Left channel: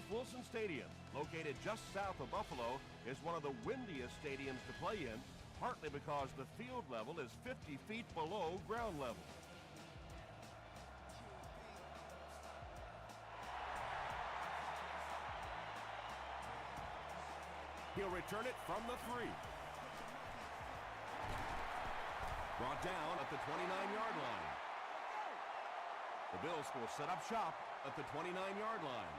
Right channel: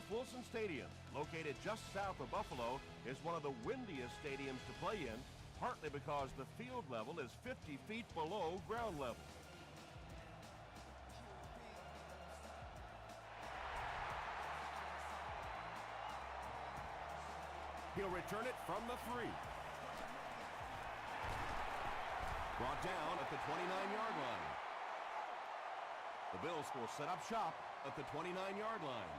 Ralph Wilson Stadium, located just south of Buffalo, is one of the windiest stadiums to play in, partly because the field level is 50 feet below ground level. He'll return it from the 3. Brought down at the 29-yard line. The Bills will set up shop at the 29-yard line.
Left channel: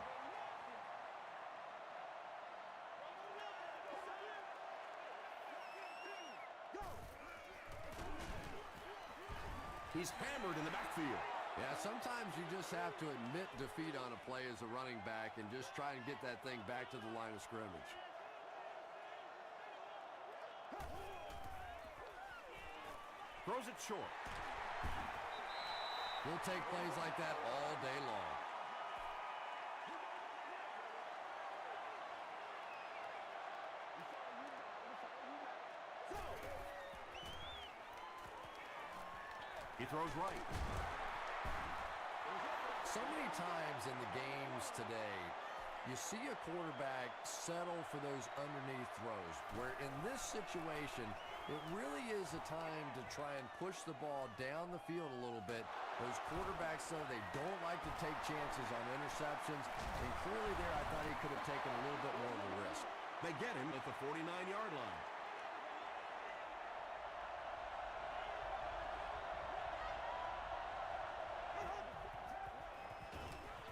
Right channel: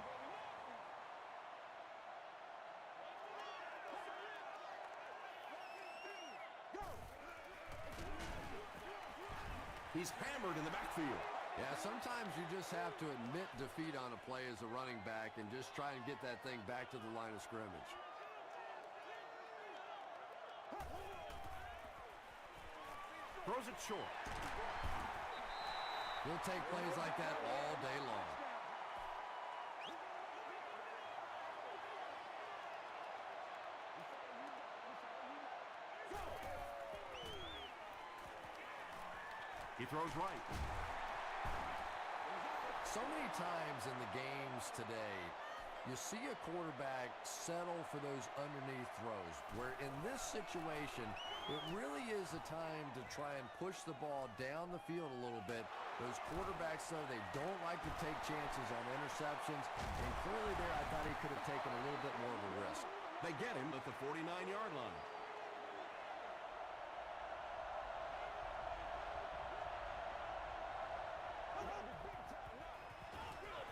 He's hammered in the backfield. Yeah, sometimes you just have to admit defeat on a play as a running back and just try and get that thing back to the line of scrimmage. Throws it short. He'll take plays like that all day long. He throws right. So many times in the games today, you see a quarterback settle for those underneath throws, where in this situation, it really is a time to try and push the ball down the field a little bit. Those quarterbacks, though, they don't like to take chances on interceptions, and clearly there I thought he could have taken a little bit more of a risk. They get him at the 49-yard line.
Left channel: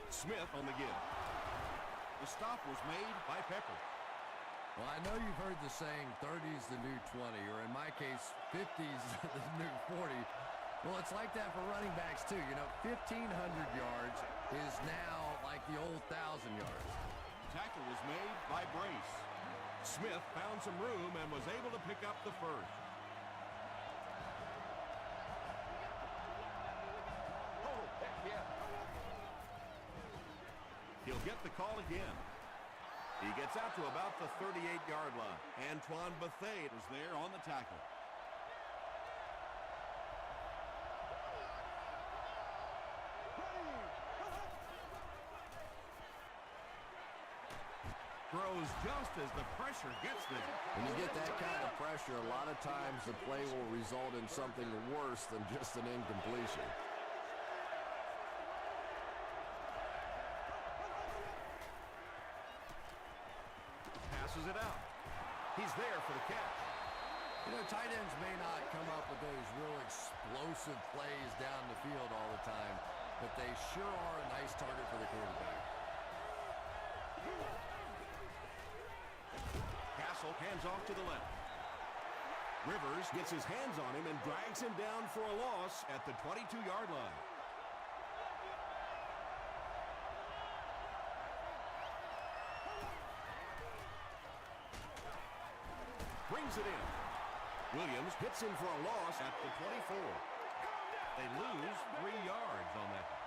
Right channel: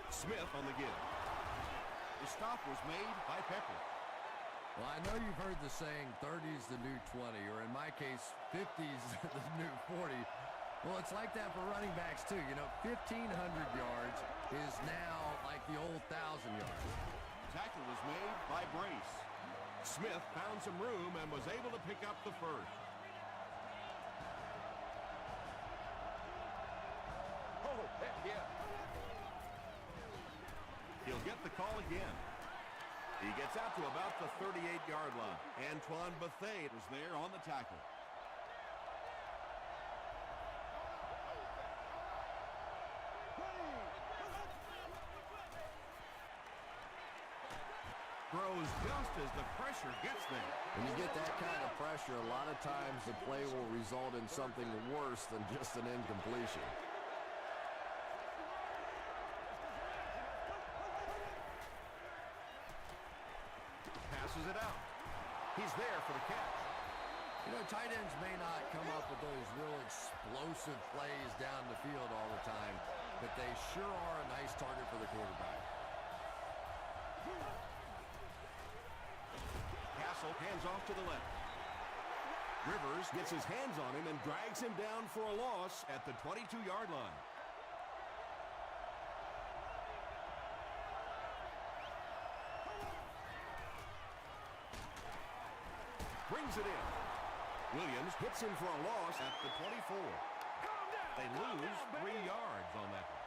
Smith on the give. The stop was made by Pepper. Well, I know you've heard the saying 30's the new 20, or in my case, 50's the new 40. Well, it's like that for running backs, too. You know, 1,500 yards is now like the old 1,000 yards. Tackle was made by Brace. Smith found some room and was able to pick up the first. Oh, heck yeah. He'll get the call again. He gets out to about the 38-yard line. Antoine Bethea was there on the tackle. Throws just as the pressure gets there. When you get that kind of pressure, a lot of times the play will result in something worse than just an incompletion. Passes it out. He's there for the catch. You know, tight ends may not come up with those real explosive plays down the field all the time, but they sure are a nice target for the quarterback. Castle hands off to the left. Rivers gets his hands on him and drags him down for a loss at the 22-yard line. Brings it in. Williams hits him for a loss at the 24. They lose 3 yards on that one.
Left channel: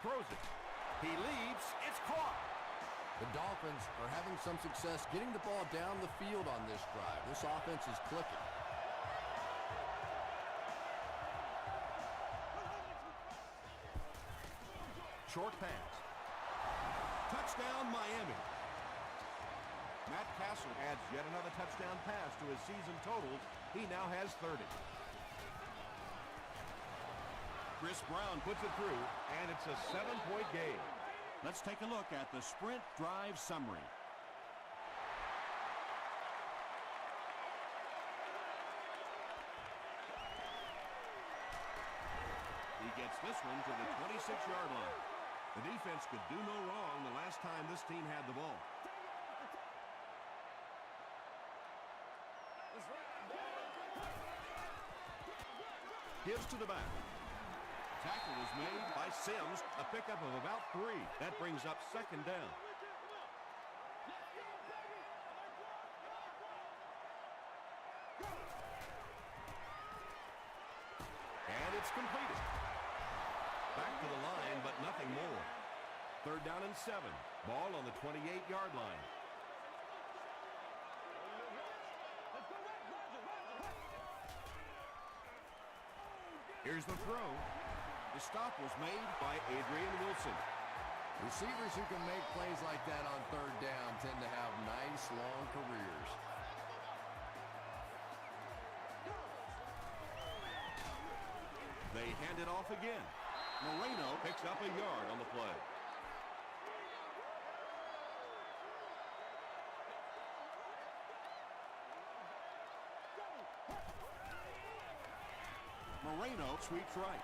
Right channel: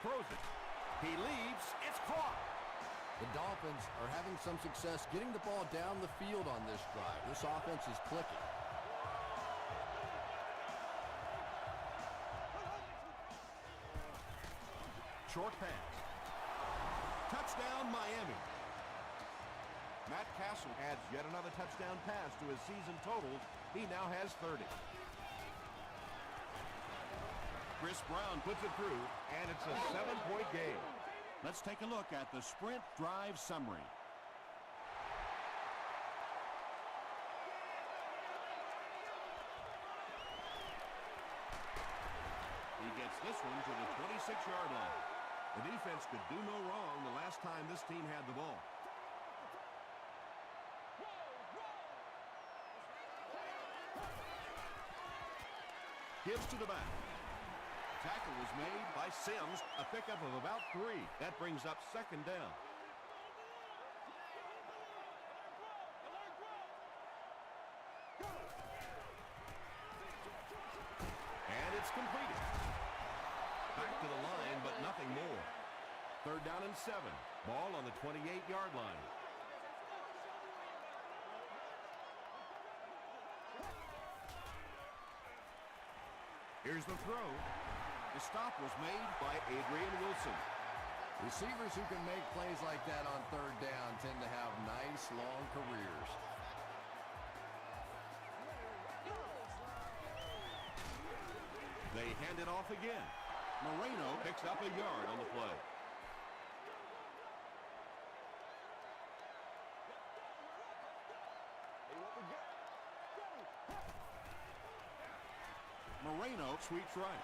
Throws it. He leaps. It's caught. The Dolphins are having some success getting the ball down the field on this drive. This offense is clicking. Short pass. Touchdown, Miami. Matt Castle adds yet another touchdown pass to his season totals. He now has 30. Chris Brown puts it through, and it's a 7-point game. Let's take a look at the sprint drive summary. He gets this one to the 26-yard line. The defense could do no wrong the last time this team had the ball. Gives to the back. Tackle was made by Sims, a pickup of about 3. That brings up second down. And it's completed. Back to the line, but nothing more. 3rd down and 7. Ball on the 28-yard line. Here's the throw. The stop was made by Adrian Wilson. Receivers who can make plays like that on third down tend to have nice, long careers. They hand it off again. Moreno picks up a yard on the play. Moreno sweeps right.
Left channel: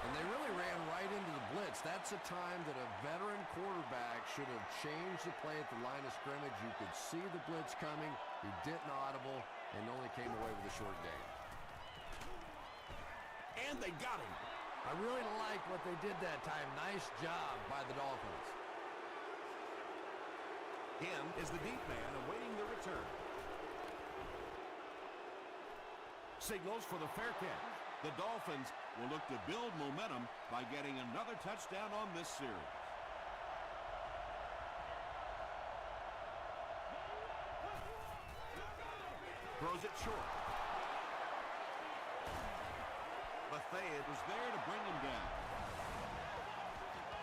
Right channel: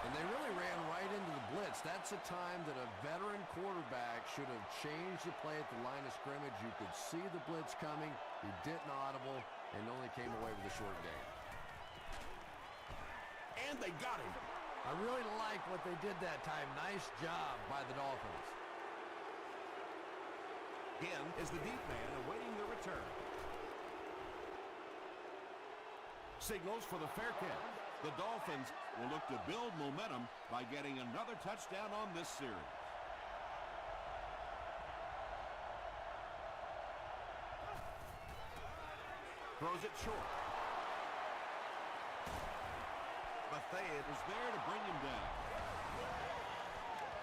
And they really ran right into the blitz. That's a time that a veteran quarterback should have changed the play at the line of scrimmage. You could see the blitz coming. He didn't audible and only came away with a short gain. And they got him. I really like what they did that time. Nice job by the Dolphins. Again is the deep man awaiting the return. Signals for the fair catch. The Dolphins will look to build momentum by getting another touchdown on this series. Throws it short. Bethea was there to bring him down.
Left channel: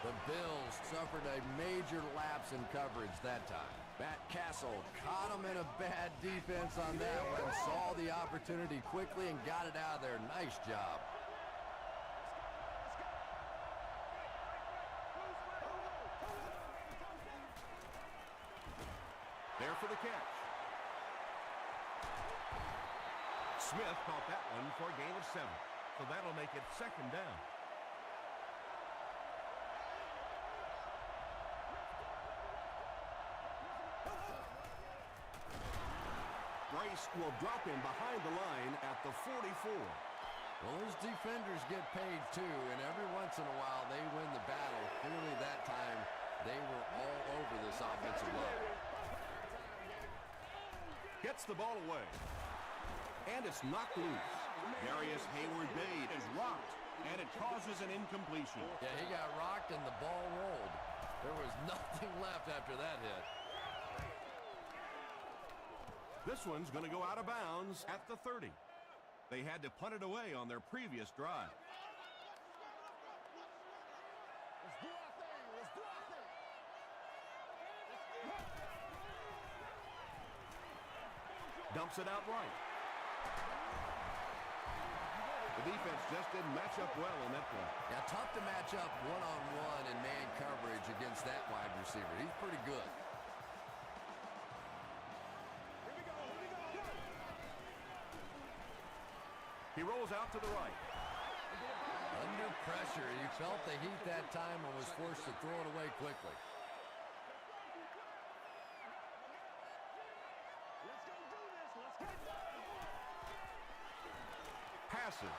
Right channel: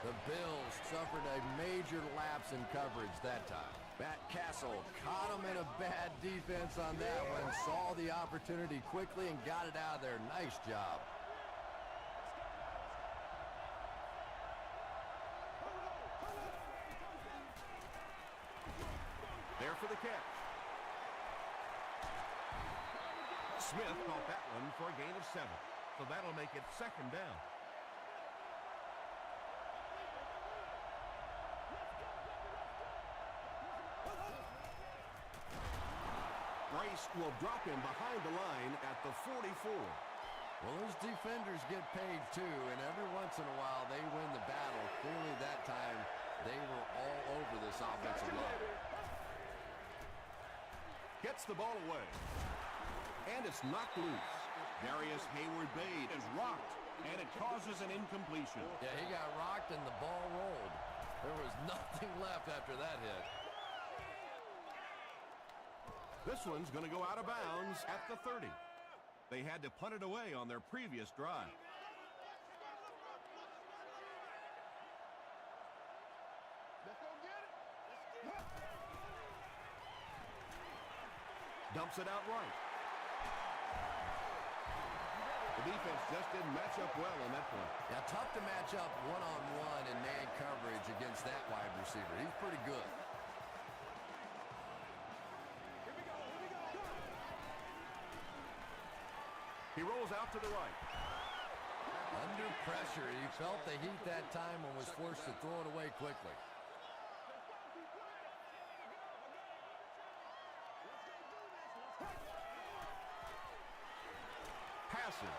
The Bills suffered a major lapse in coverage that time. Matt Castle caught him in a bad defense on that one, saw the opportunity quickly and got it out of there. Nice job. There for the catch. Smith caught that one for a gain of 7. So that'll make it second down. Brace will drop him behind the line at the 44. Well, those defenders get paid too, and every once in a while they win the battle. Clearly that time they were all over this offensive line. Gets the ball away. And it's knocked loose. Darius Hayward-Bade is rocked, and it causes an incompletion. Yeah, he got rocked and the ball rolled. There was nothing left after that hit. This one's going to go out of bounds at the 30. They had to punt it away on their previous drive. Dumps it out right. The defense just didn't match up well on that play. Yeah, tough to match up one-on-one in man coverage against that wide receiver. He's pretty good. Here we go, here we go. Go! He rolls out to the right. Under pressure, he felt the heat that time and was forced to throw it away quickly. Let's go do this. Let's go. Passes.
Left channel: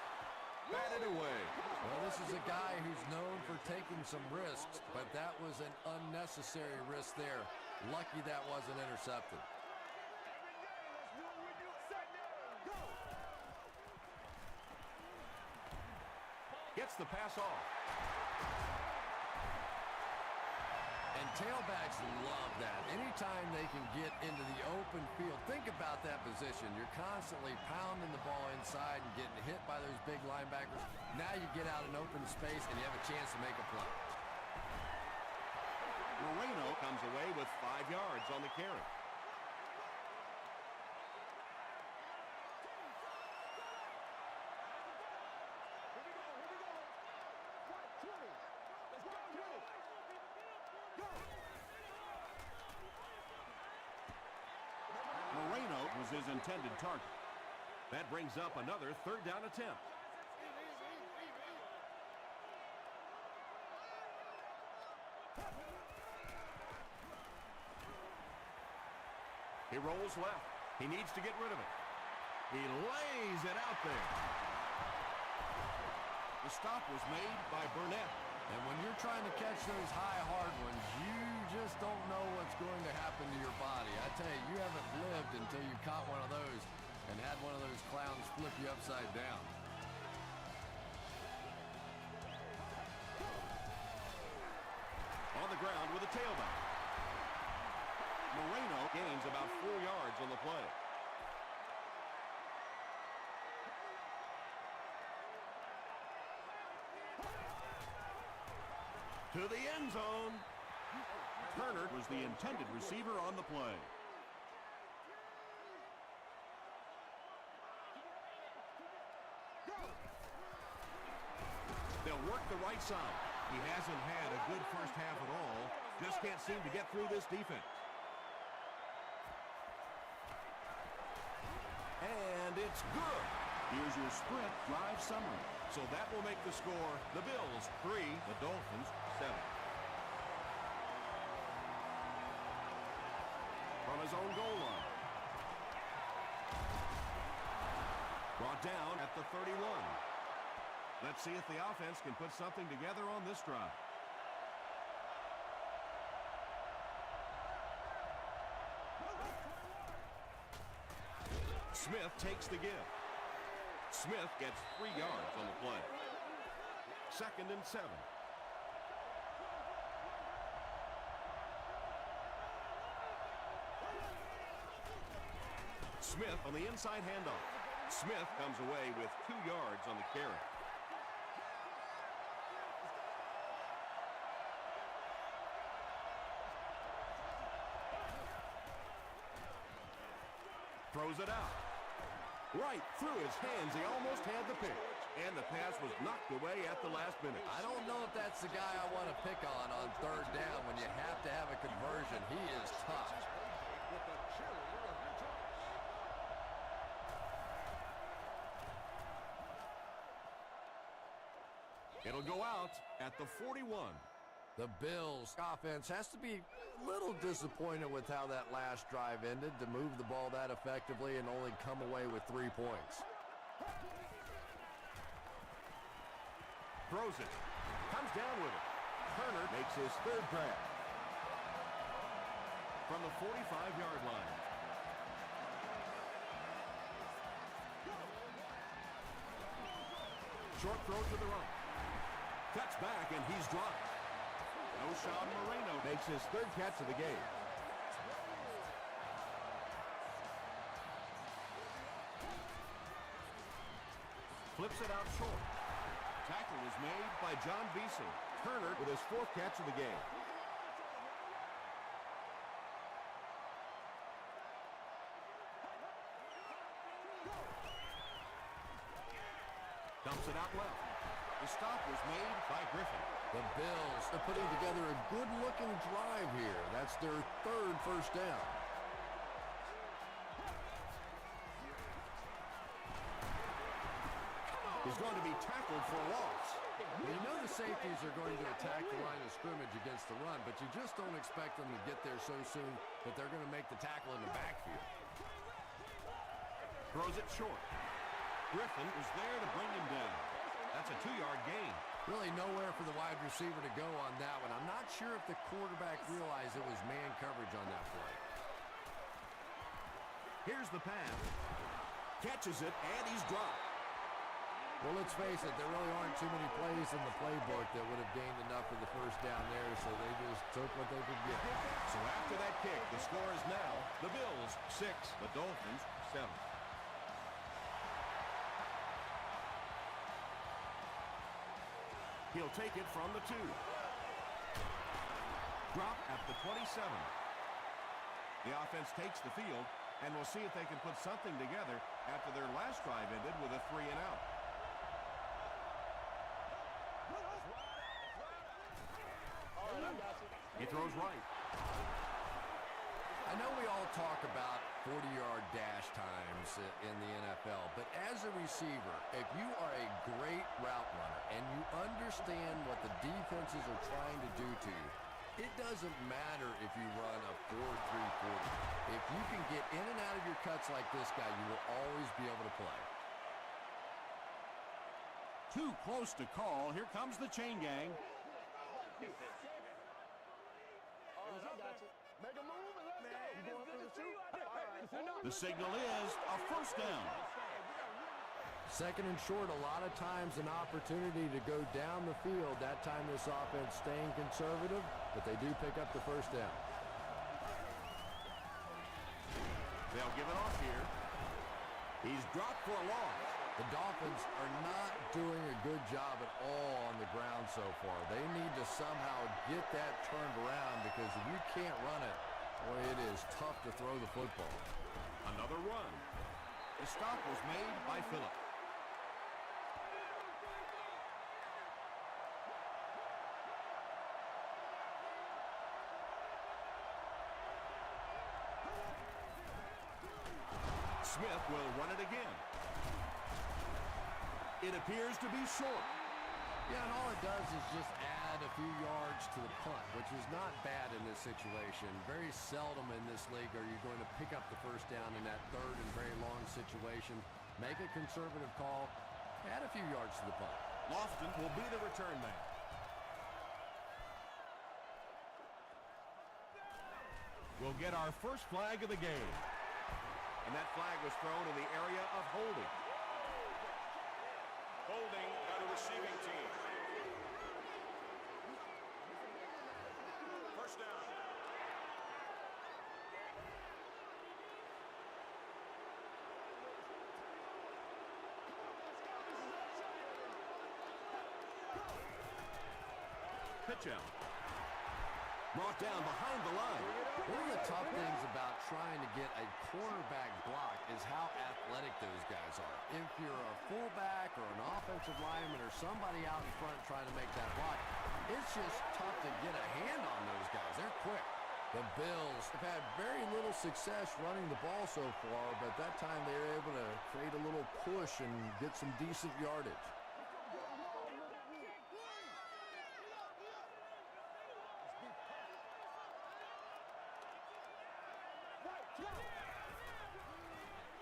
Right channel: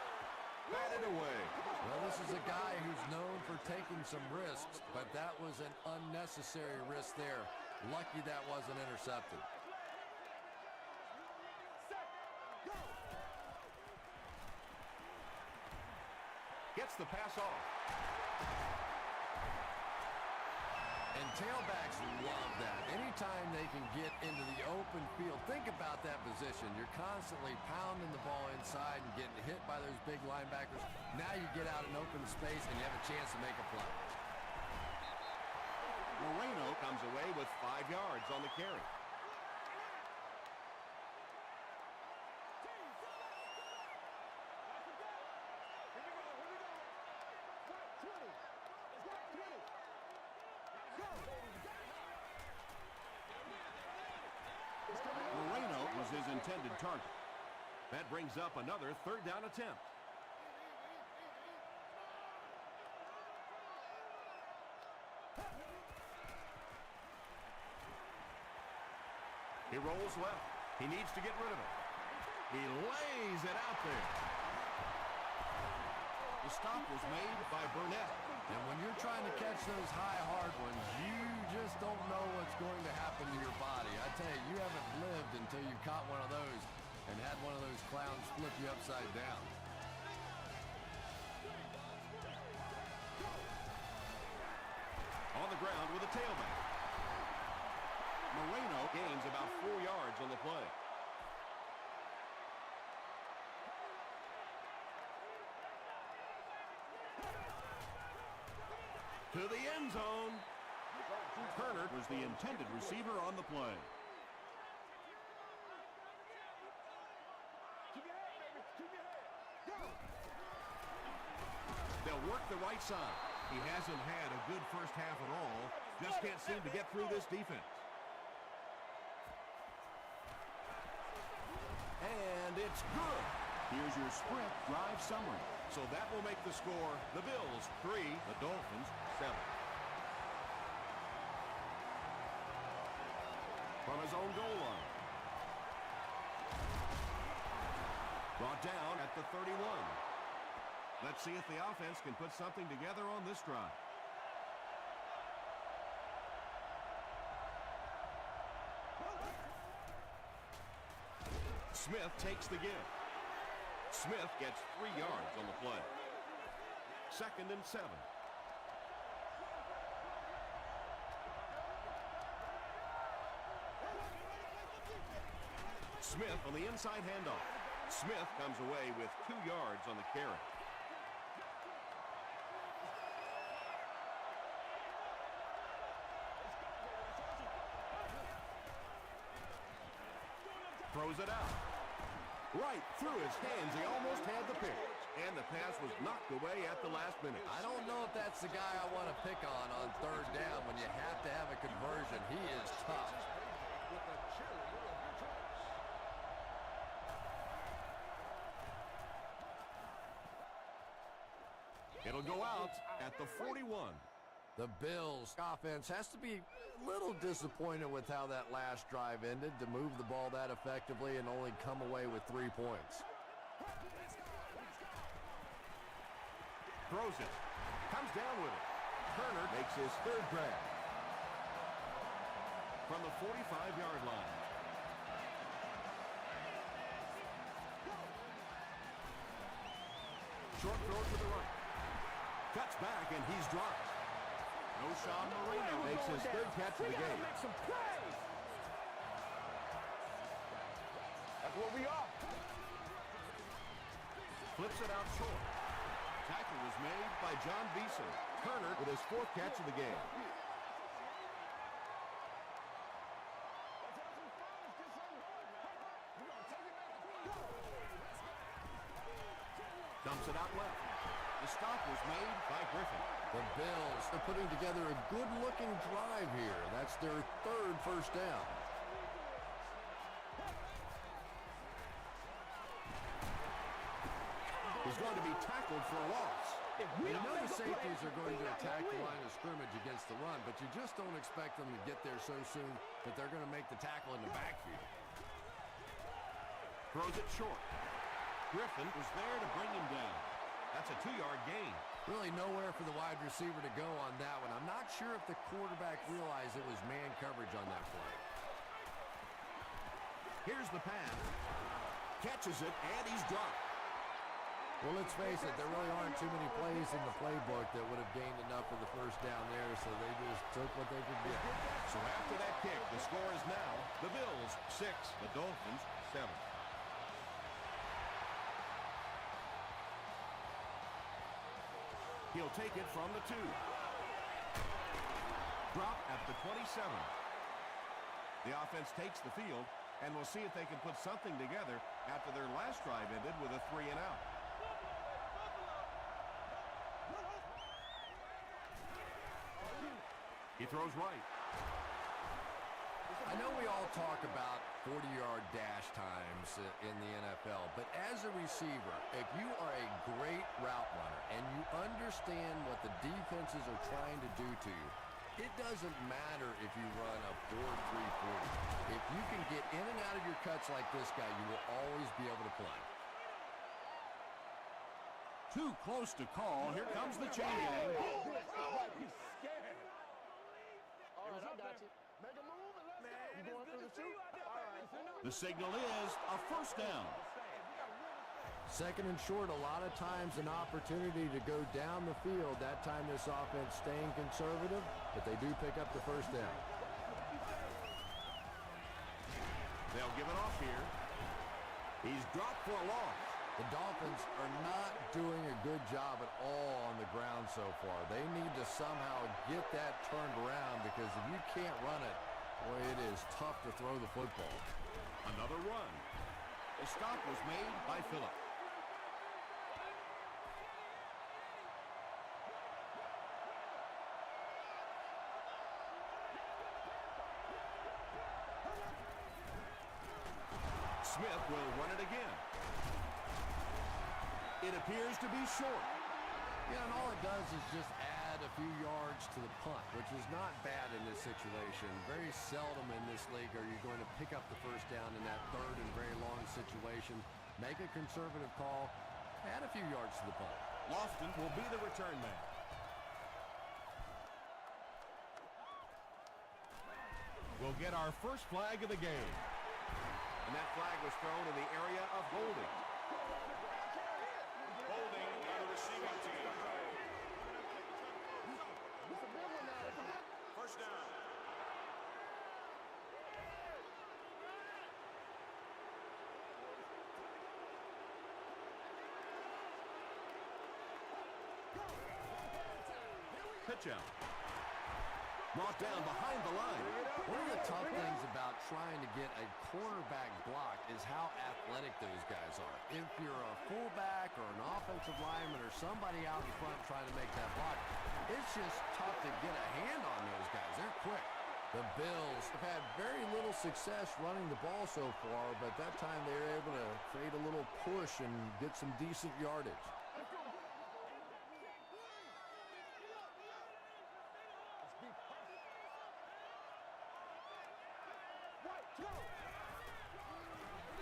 Batted away. Well, this is a guy who's known for taking some risks, but that was an unnecessary risk there. Lucky that wasn't intercepted. Gets the pass off. And tailbacks love that. Anytime they can get into the open field, think about that position. You're constantly pounding the ball inside and getting hit by those big linebackers. Now you get out in open space and you have a chance to make a play. Moreno comes away with 5 yards on the carry. Here we go, here we go. Right, 20. Let's go, 20. Go! Moreno was his intended target. That brings up another third down attempt. He rolls left. He needs to get rid of it. He lays it out there. The stop was made by Burnett. And when you're trying to catch those high, hard ones, you just don't know what's going to happen to your body. I tell you, you haven't lived until you caught one of those and had one of those clowns flip you upside down. On the ground with a tailback. Moreno gains about 4 yards on the play. to the end zone. Turner was the intended receiver on the play. They'll work the right side. He hasn't had a good first half at all. Just can't seem to get through this defense. And it's good. Here's your sprint drive summary. So that will make the score the Bills 3, the Dolphins 7. From his own goal line. Brought down at the 31. Let's see if the offense can put something together on this drive. Smith takes the give. Smith gets 3 yards on the play. 2nd and 7. Smith on the inside handoff. Smith comes away with 2 yards on the carry. Throws it out. Right through his hands. He almost had the pick. And the pass was knocked away at the last minute. I don't know if that's the guy I want to pick on 3rd down when you have to have a conversion. He is tough. It'll go out at the 41. The Bills offense has to be a little disappointed with how that last drive ended to move the ball that effectively and only come away with 3 points. Throws it. Comes down with it. Turner makes his 3rd grab. From the 45-yard line. Short throw to the right. Cuts back and he's dropped. Oshawn Marino makes his 3rd catch of the game. That's what we are. Flips it out short. Tackle was made by John Beeson. Turner with his 4th catch of the game. Dumps it out left. The stop was made by Griffin. The Bills are putting together a good-looking drive here. That's their 3rd first down. He's going to be tackled for a loss. You know the safeties are going to attack the line of scrimmage against the run, but you just don't expect them to get there so soon that they're going to make the tackle in the backfield. Throws it short. Griffin was there to bring him down. That's a 2-yard gain. Really nowhere for the wide receiver to go on that one. I'm not sure if the quarterback realized it was man coverage on that play. Here's the pass. Catches it, and he's dropped. Well, let's face it, there really aren't too many plays in the playbook that would have gained enough for the first down there, so they just took what they could get. So after that kick, the score is now the Bills 6, the Dolphins 7. He'll take it from the 2. Drop at the 27. The offense takes the field, and we'll see if they can put something together after their last drive ended with a 3-and-out. He throws right. I know we all talk about 40-yard dash times in the NFL, but as a receiver, if you are a great route runner and you understand what the defenses are trying to do to you, it doesn't matter if you run a 4.340. If you can get in and out of your cuts like this guy, you will always be able to play. Too close to call. Here comes the chain gang. All right, I got you. Make a move and let's go. You going for the shoot? All right. The signal is a first down. 2nd and short, a lot of times an opportunity to go down the field. That time this offense staying conservative, but they do pick up the first down. They'll give it off here. He's dropped for a loss. The Dolphins are not doing a good job at all on the ground so far. They need to somehow get that turned around because if you can't run it, boy, it is tough to throw the football. Another run. The stop was made by Phillip. Smith will run it again. It appears to be short. Yeah, and all it does is just add a few yards to the punt, which is not bad in this situation. Very seldom in this league are you going to pick up the first down in that third and very long situation. Make a conservative call, add a few yards to the punt. Lofton will be the return man. We'll get our first flag of the game. And that flag was thrown in the area of holding. First down. Pitch out. Brought down behind the line. One of the tough things about trying to get a cornerback blocked is how athletic those guys are. If you're a fullback or an offensive lineman or somebody out in front trying to make that block, it's just tough to get a hand on those guys. They're quick. The Bills have had very little success running the ball so far, but that time they were able to create a little push and get some decent yardage.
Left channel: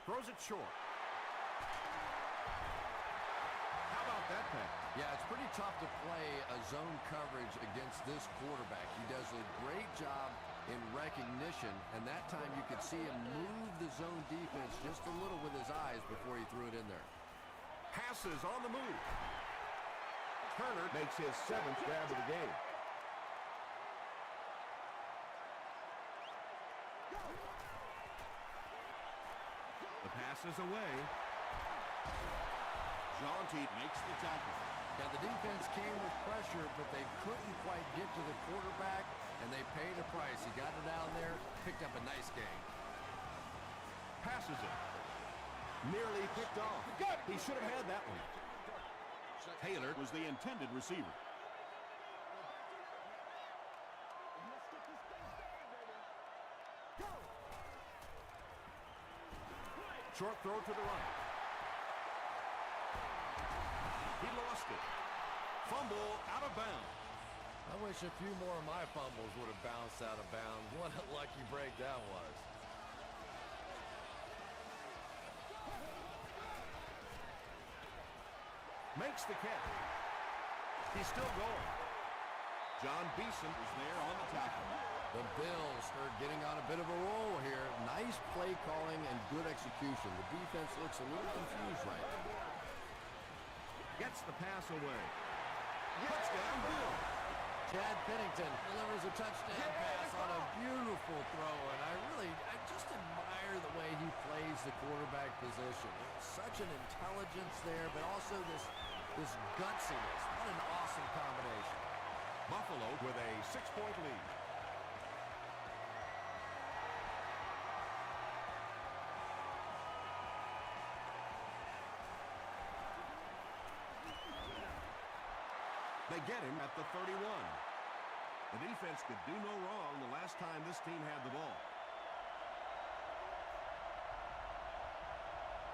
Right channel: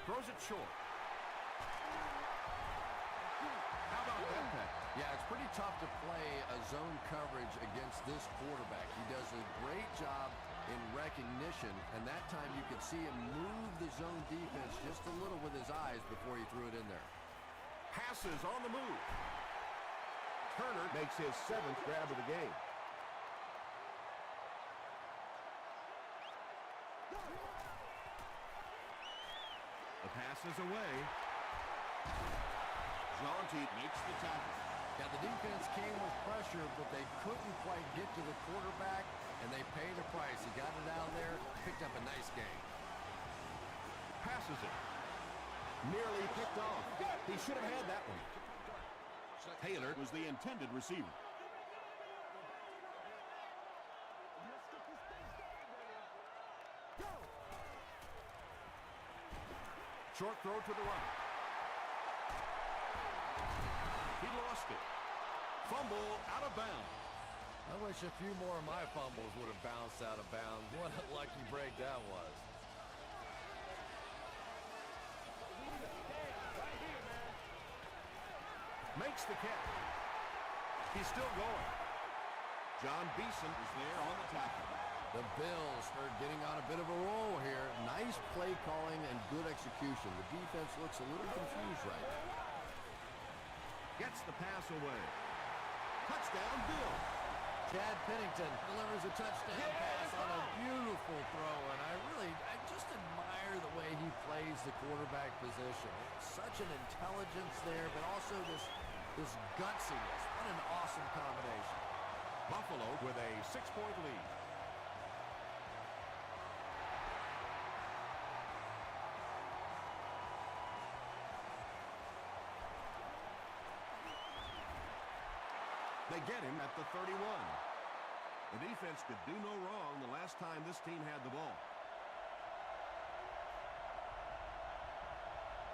Throws it short. How about that pass? Yeah, it's pretty tough to play a zone coverage against this quarterback. He does a great job in recognition, and that time you could see him move the zone defense just a little with his eyes before he threw it in there. Passes on the move. Turner makes his 7th grab of the game. The pass is away. Jaunty makes the tackle. Yeah, the defense came with pressure, but they couldn't quite get to the quarterback, and they paid a price. He got it out there, picked up a nice gain. Passes it. Nearly picked off. He should have had that one. Taylor was the intended receiver. Go back to work now. Let's get this thing started, baby. Go! Short throw to the right. He lost it. Fumble out of bounds. I wish a few more of my fumbles would have bounced out of bounds. What a lucky break that was. Makes the catch. He's still going. John Beeson is there on the tackle. The Bills are getting on a bit of a roll here. Nice play calling and good execution. The defense looks a little confused right now. Gets the pass away. Touchdown, Bill. Chad Pennington delivers a touchdown pass on a beautiful throw, and I just admire the way he plays the quarterback position. Such an intelligence there, but also this gutsiness. What an awesome combination. Buffalo with a 6-point lead. They get him at the 31. The defense could do no wrong the last time this team had the ball.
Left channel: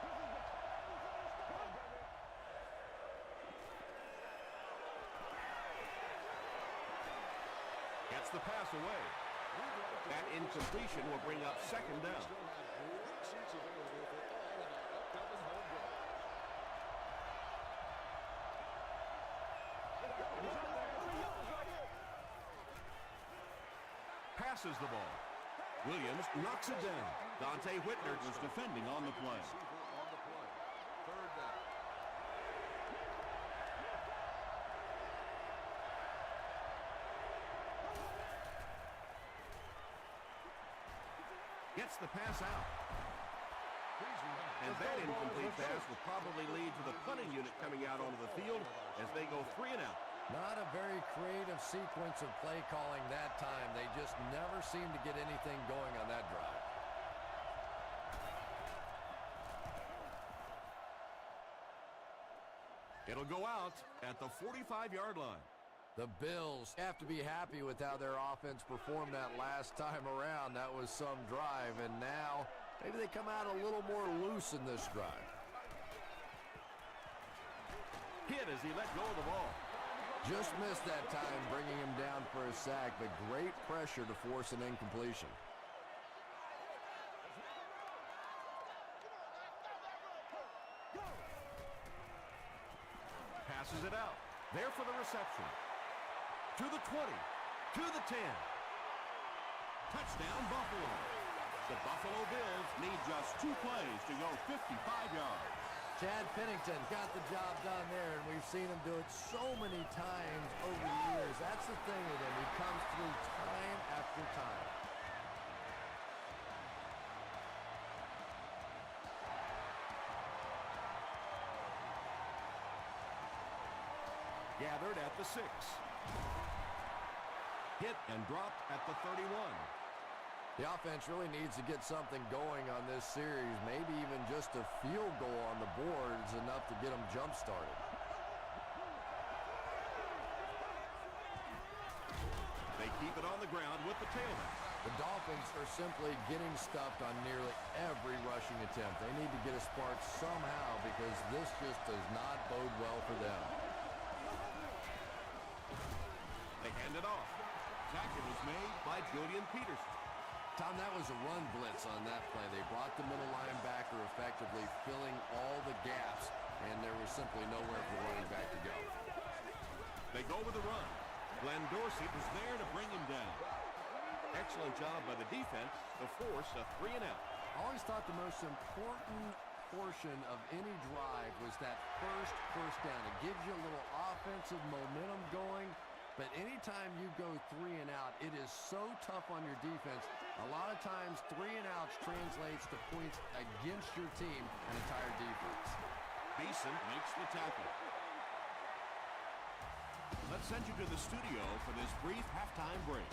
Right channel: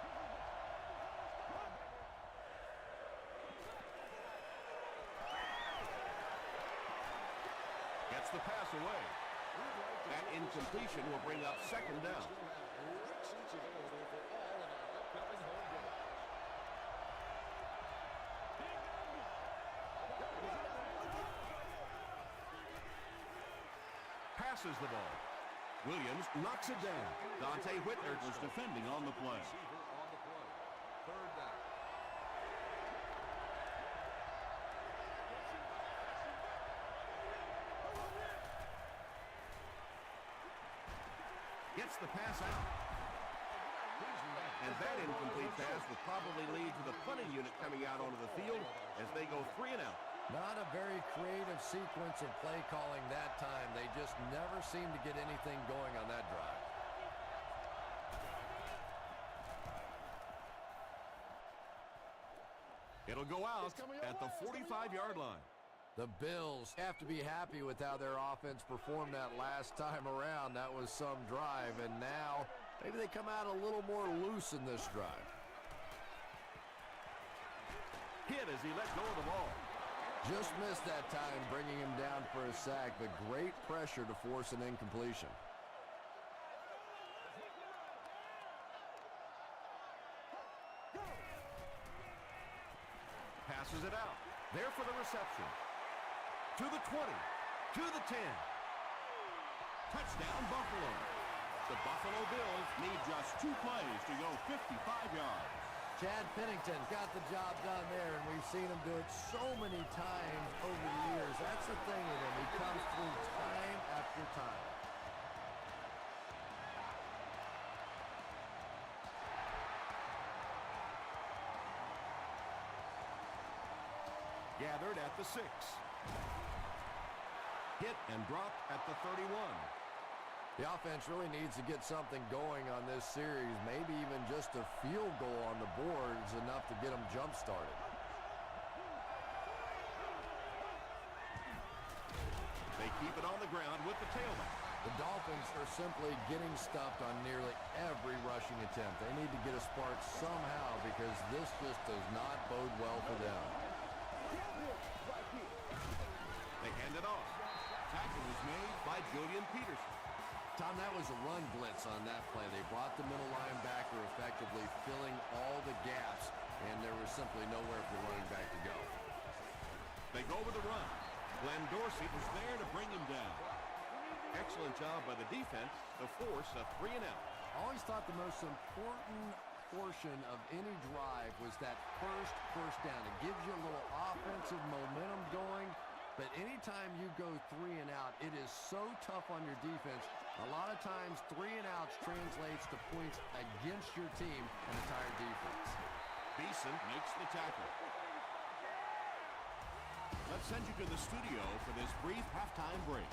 This is the calm before the storm, baby. Gets the pass away. That incompletion will bring up 2nd down. Passes the ball. Williams knocks it down. Dante Whitner was defending on the play. Gets the pass out. And that incomplete pass will probably lead to the punting unit coming out onto the field as they go 3 and out. Not a very creative sequence of play calling that time. They just never seem to get anything going on that drive. It'll go out at the 45-yard line. The Bills have to be happy with how their offense performed that last time around. That was some drive, and now maybe they come out a little more loose in this drive. Hit as he let go of the ball. Just missed that time, bringing him down for a sack, but great pressure to force an incompletion. Passes it out. There for the reception. To the 20. To the 10. Touchdown, Buffalo. The Buffalo Bills need just 2 plays to go 55 yards. Chad Pennington got the job done there, and we've seen him do it so many times over the years. That's the thing with him. He comes through time after time. Gathered at the 6. Hit and dropped at the 31. The offense really needs to get something going on this series. Maybe even just a field goal on the board is enough to get them jump-started. They keep it on the ground with the tailback. The Dolphins are simply getting stuffed on nearly every rushing attempt. They need to get a spark somehow because this just does not bode well for them. They hand it off. Tackle is made by Julian Peterson. Tom, that was a run blitz on that play. They brought the middle linebacker effectively filling all the gaps, and there was simply nowhere for the running back to go. They go with the run. Glenn Dorsey was there to bring him down. Excellent job by the defense to force a 3 and out. I always thought the most important portion of any drive was that first down. It gives you a little offensive momentum going, but anytime you go 3 and out, it is so tough on your defense. A lot of times 3 and outs translates to points against your team and entire defense. Beeson makes the tackle. Let's send you to the studio for this brief halftime break.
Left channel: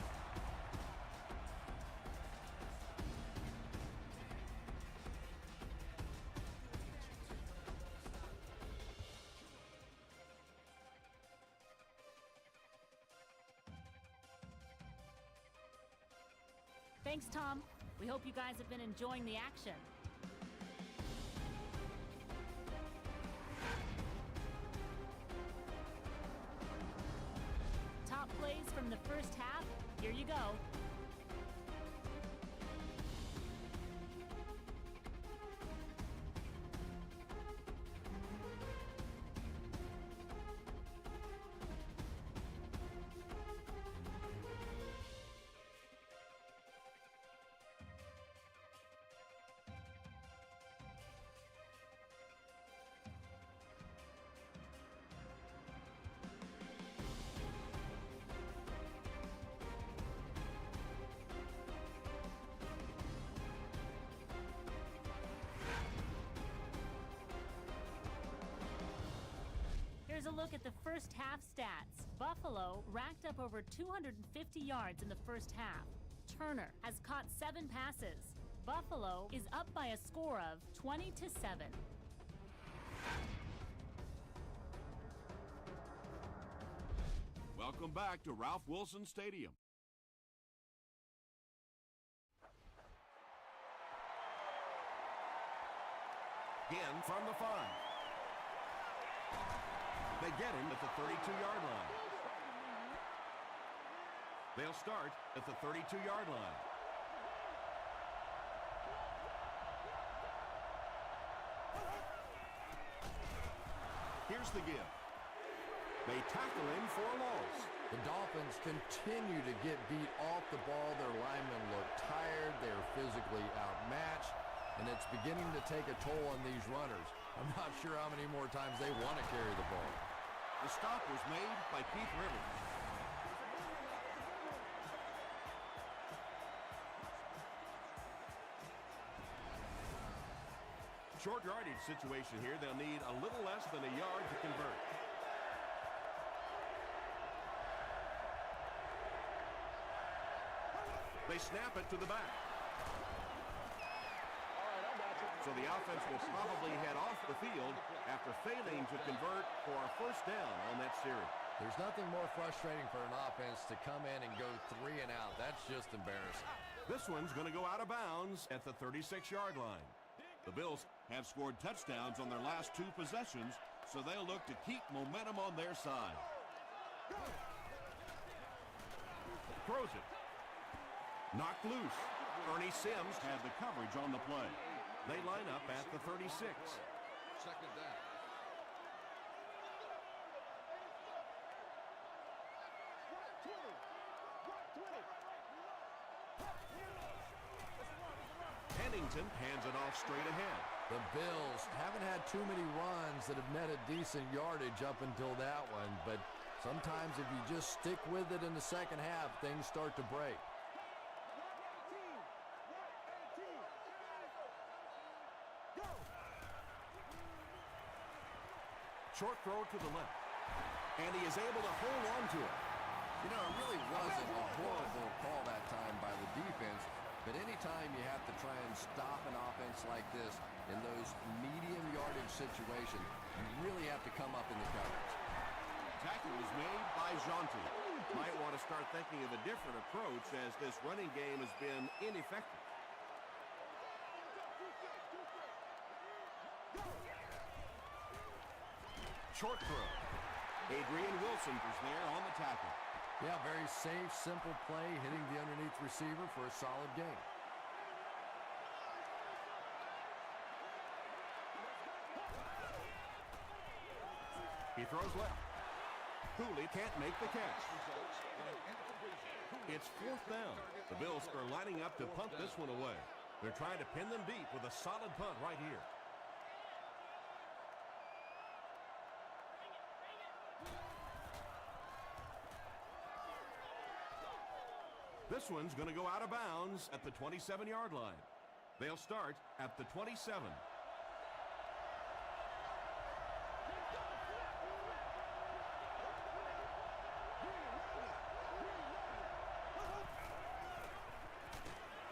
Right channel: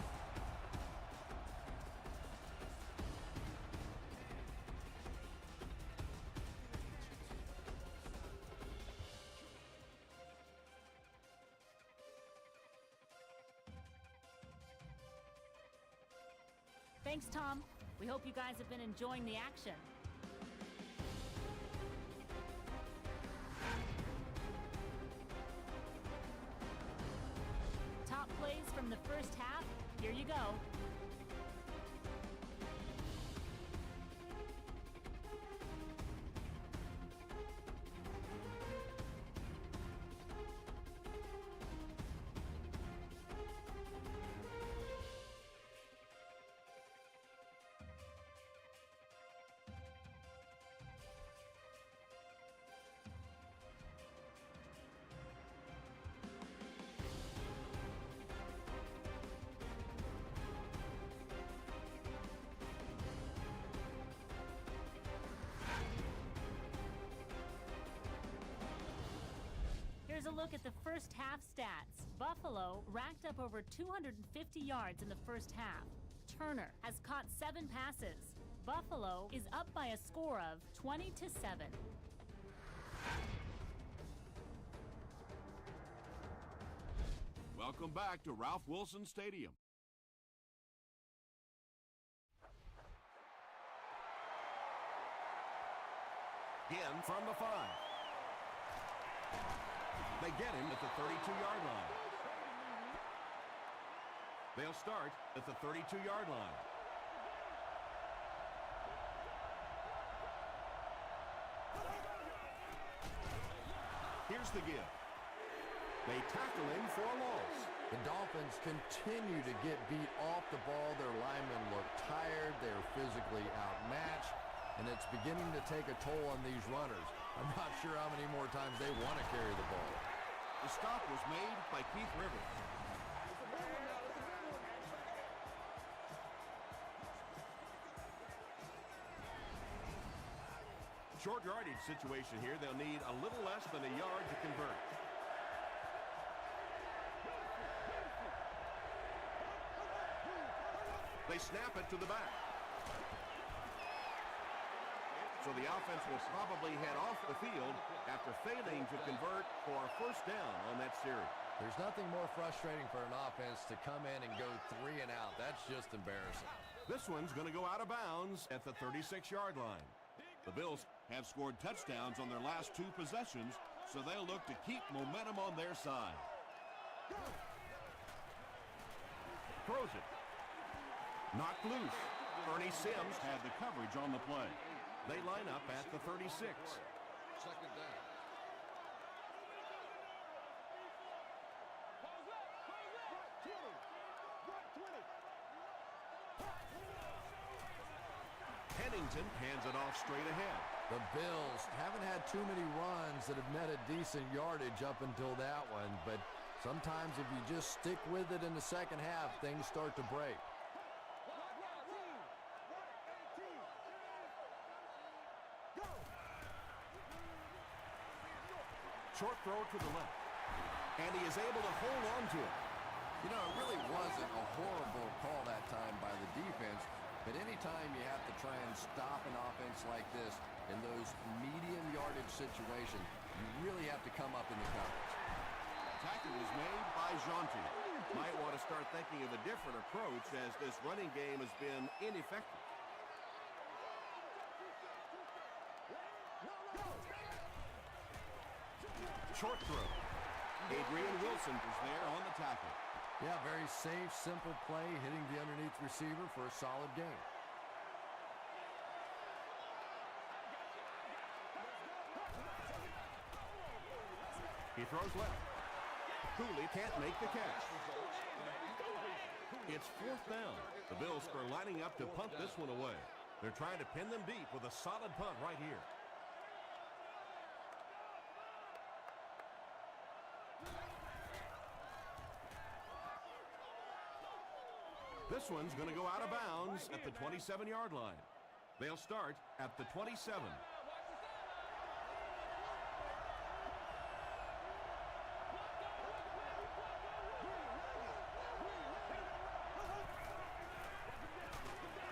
Thanks, Tom. We hope you guys have been enjoying the action. Top plays from the first half. Here you go. Here's a look at the first half stats. Buffalo racked up over 250 yards in the first half. Turner has caught 7 passes. Buffalo is up by a score of 20-7. Welcome back to Ralph Wilson Stadium. Again from the 5. They get him at the 32-yard line. They'll start at the 32-yard line. Here's the give. They tackle him for a loss. The Dolphins continue to get beat off the ball. Their linemen look tired. They're physically outmatched, and it's beginning to take a toll on these runners. I'm not sure how many more times they want to carry the ball. The stop was made by Keith Rivers. It's a big one now. It's a big one. Short yardage situation here. They'll need a little less than a yard to convert. They snap it to the back. So the offense will probably head off the field after failing to convert for a first down on that series. There's nothing more frustrating for an offense to come in and go 3 and out. That's just embarrassing. This one's going to go out of bounds at the 36-yard line. The Bills have scored touchdowns on their last 2 possessions, so they'll look to keep momentum on their side. Throws it. Knocked loose. Ernie Sims had the coverage on the play. They line up at the 36. Second down. Pennington hands it off straight ahead. The Bills haven't had too many runs that have netted decent yardage up until that one, but sometimes if you just stick with it in the second half, things start to break. Short throw to the left. And he is able to hold on to it. You know, it really wasn't a horrible call that time by the defense, but anytime you have to try and stop an offense like this in those medium yardage situations, you really have to come up in the coverage. Tackle was made by Jonte. Might want to start thinking of a different approach as this running game has been ineffective. Short throw. Adrian Wilson is there on the tackle. Yeah, very safe, simple play, hitting the underneath receiver for a solid game. He throws left. Cooley can't make the catch. It's 4th down. The Bills are lining up to punt this one away. They're trying to pin them deep with a solid punt right here. This one's going to go out of bounds at the 27-yard line. They'll start at the 27.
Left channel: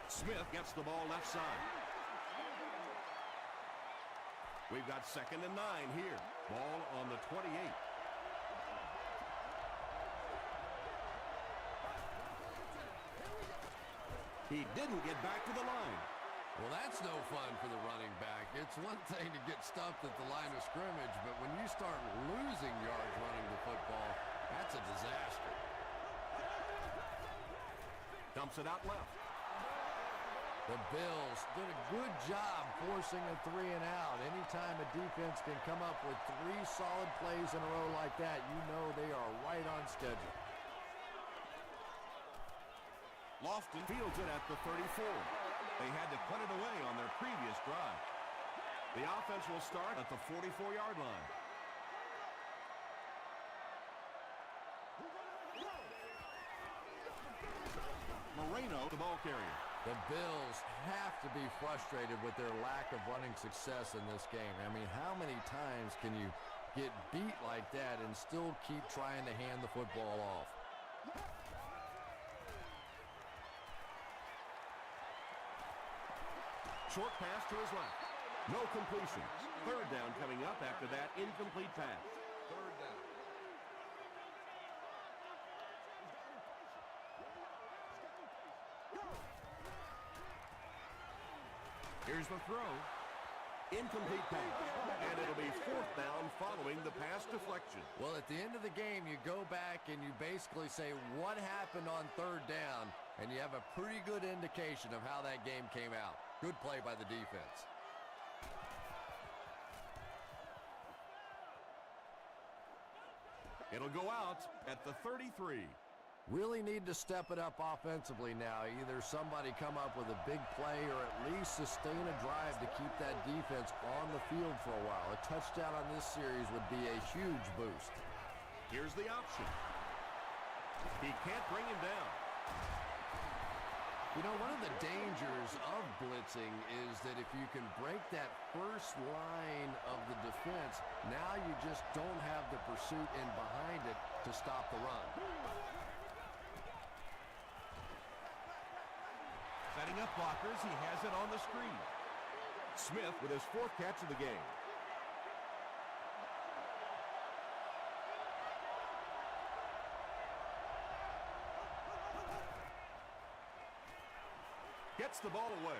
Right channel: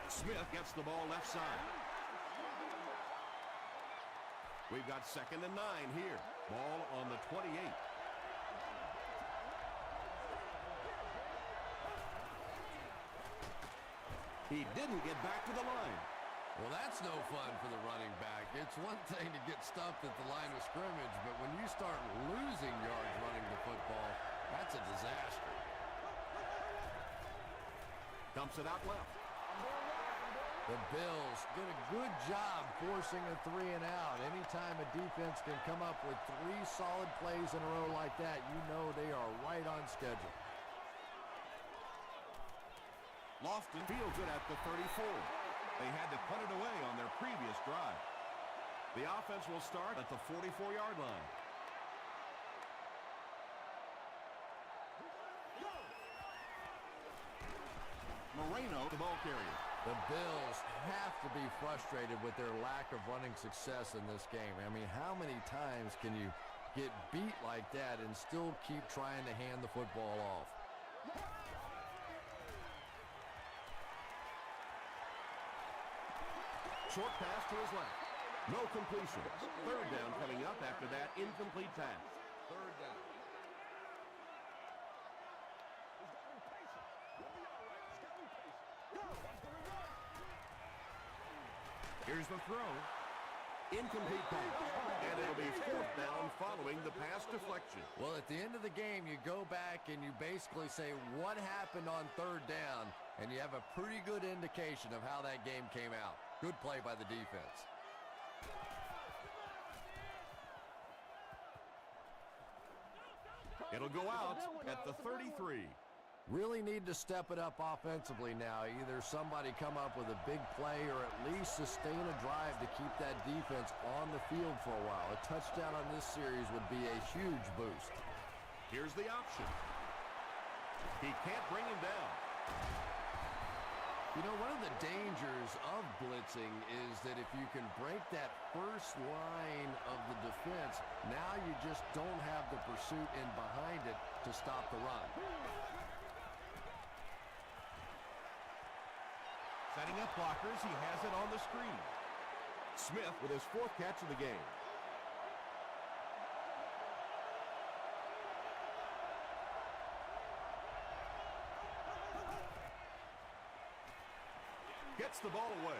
Smith gets the ball left side. We've got 2nd and 9 here. Ball on the 28. He didn't get back to the line. Well, that's no fun for the running back. It's one thing to get stuffed at the line of scrimmage, but when you start losing yards running the football, that's a disaster. Dumps it out left. The Bills did a good job forcing a 3 and out. Anytime a defense can come up with 3 solid plays in a row like that, you know they are right on schedule. Lofton fields it at the 34. They had to punt it away on their previous drive. The offense will start at the 44-yard line. Moreno, the ball carrier. The Bills have to be frustrated with their lack of running success in this game. I mean, how many times can you get beat like that and still keep trying to hand the football off? Short pass to his left. No completion. 3rd down coming up after that incomplete pass. 3rd down. He's got to be patient. We'll be all right. He's got to be patient. Go! Here's the throw. Incomplete pass. And it'll be 4th down following the pass deflection. Well, at the end of the game, you go back and you basically say what happened on 3rd down, and you have a pretty good indication of how that game came out. Good play by the defense. It'll go out at the 33. Really need to step it up offensively now. Either somebody come up with a big play or at least sustain a drive to keep that defense on the field for a while. A touchdown on this series would be a huge boost. Here's the option. He can't bring him down. You know, one of the dangers of blitzing is that if you can break that first line of the defense, now you just don't have the pursuit in behind it to stop the run. Setting up blockers, he has it on the screen. Smith with his 4th catch of the game. Gets the ball away.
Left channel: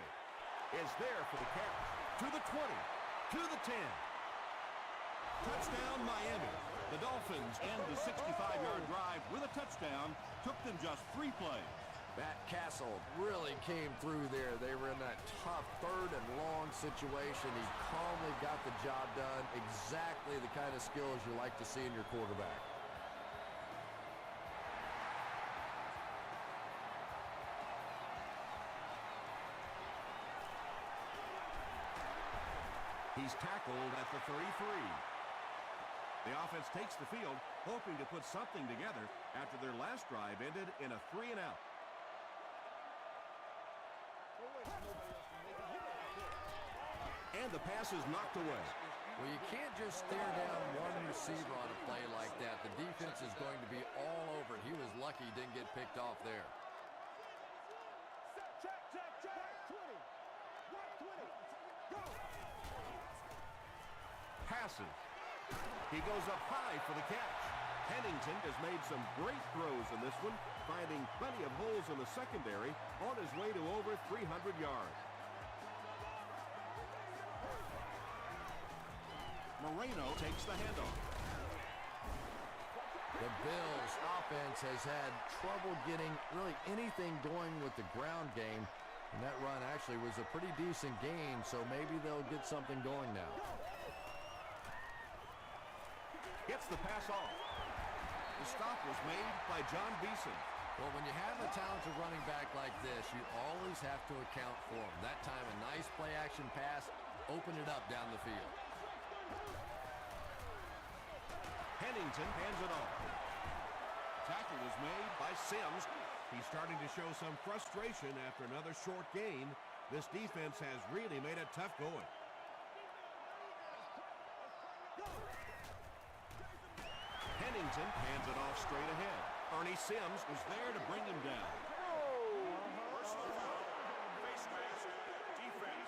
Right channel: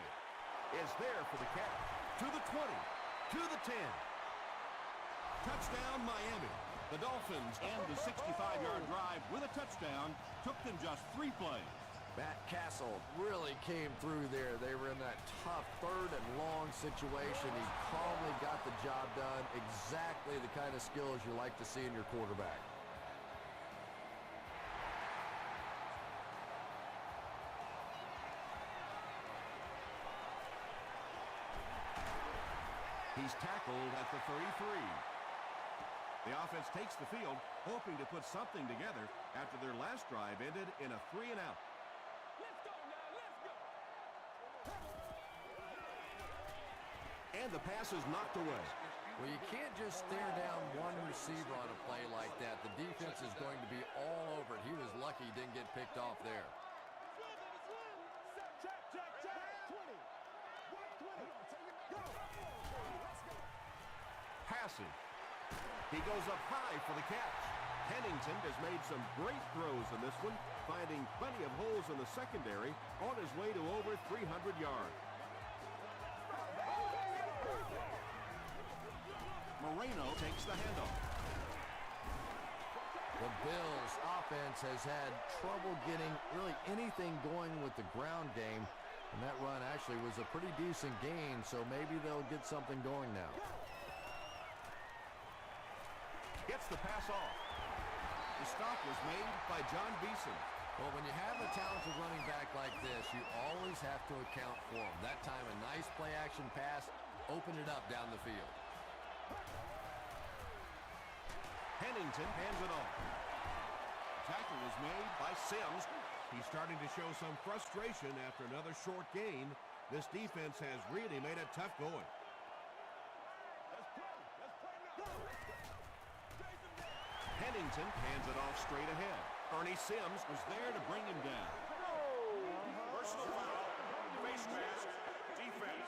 Is there for the catch. To the 20. To the 10. Touchdown, Miami. The Dolphins end the 65-yard drive with a touchdown. Took them just 3 plays. Matt Castle really came through there. They were in that tough 3rd and long situation. He calmly got the job done. Exactly the kind of skills you like to see in your quarterback. He's tackled at the 33. The offense takes the field, hoping to put something together after their last drive ended in a 3-and-out. And the pass is knocked away. Well, you can't just stare down one receiver on a play like that. The defense is going to be all over it. He was lucky he didn't get picked off there. Check. 20. Right 20. Go. Passes. He goes up high for the catch. Pennington has made some great throws in this one, finding plenty of holes in the secondary on his way to over 300 yards. Moreno takes the handoff. The Bills' offense has had trouble getting really anything going with the ground game. And that run actually was a pretty decent gain, so maybe they'll get something going now. Gets the pass off. The stop was made by John Beeson. Well, when you have a talented running back like this, you always have to account for him. That time, a nice play-action pass opened it up down the field. Pennington hands it off. Tackle was made by Sims. He's starting to show some frustration after another short gain. This defense has really made it tough going. Pennington hands it off straight ahead. Ernie Sims was there to bring him down. Personal foul, face mask, defense.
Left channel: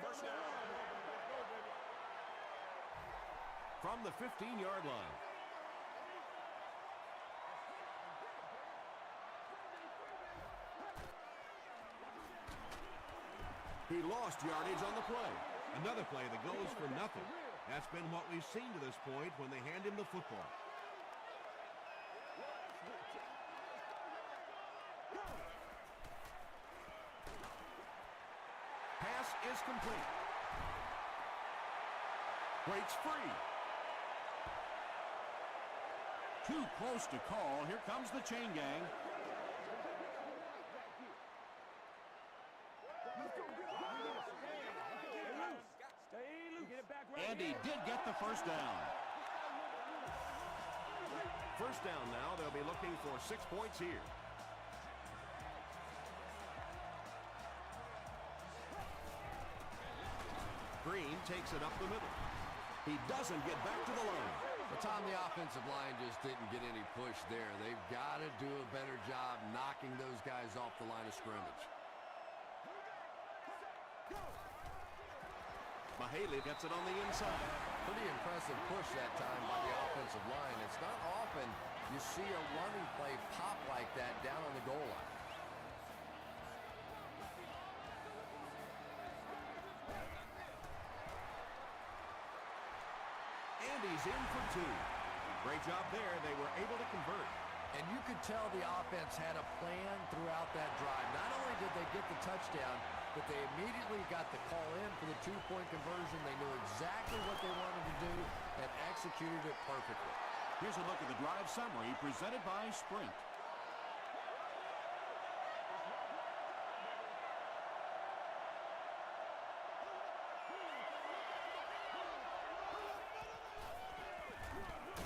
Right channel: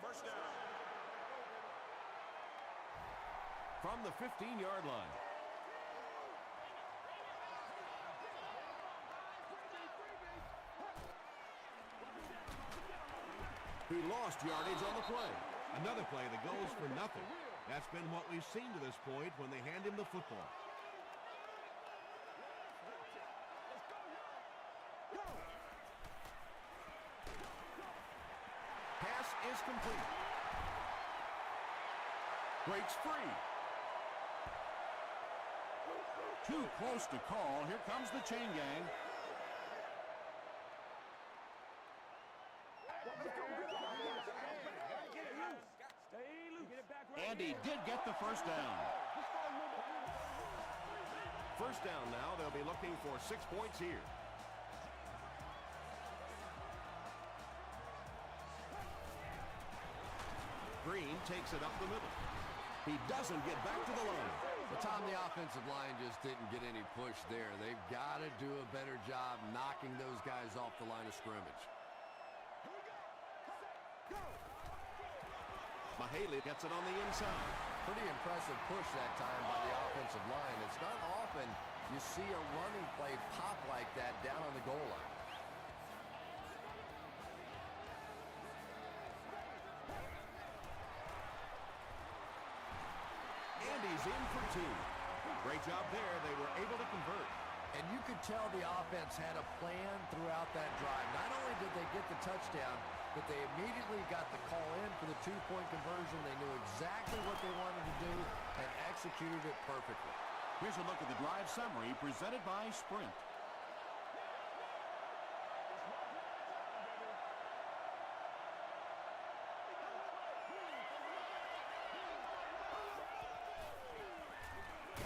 First down. From the 15-yard line. He lost yardage on the play. Another play that goes for nothing. That's been what we've seen to this point when they hand him the football. Pass is complete. Breaks free. Too close to call. Here comes the chain gang. And he did get the first down. First down now. They'll be looking for 6 points here. Green takes it up the middle. He doesn't get back to the line. But Tom, the offensive line just didn't get any push there. They've got to do a better job knocking those guys off the line of scrimmage. Mahaley gets it on the inside. Pretty impressive push that time by the offensive line. It's not often you see a running play pop like that down on the goal line. And he's in for 2. Great job there. They were able to convert. And you could tell the offense had a plan throughout that drive. Not only did they get the touchdown, but they immediately got the call in for the 2-point conversion. They knew exactly what they wanted to do and executed it perfectly. Here's a look at the drive summary presented by Sprint.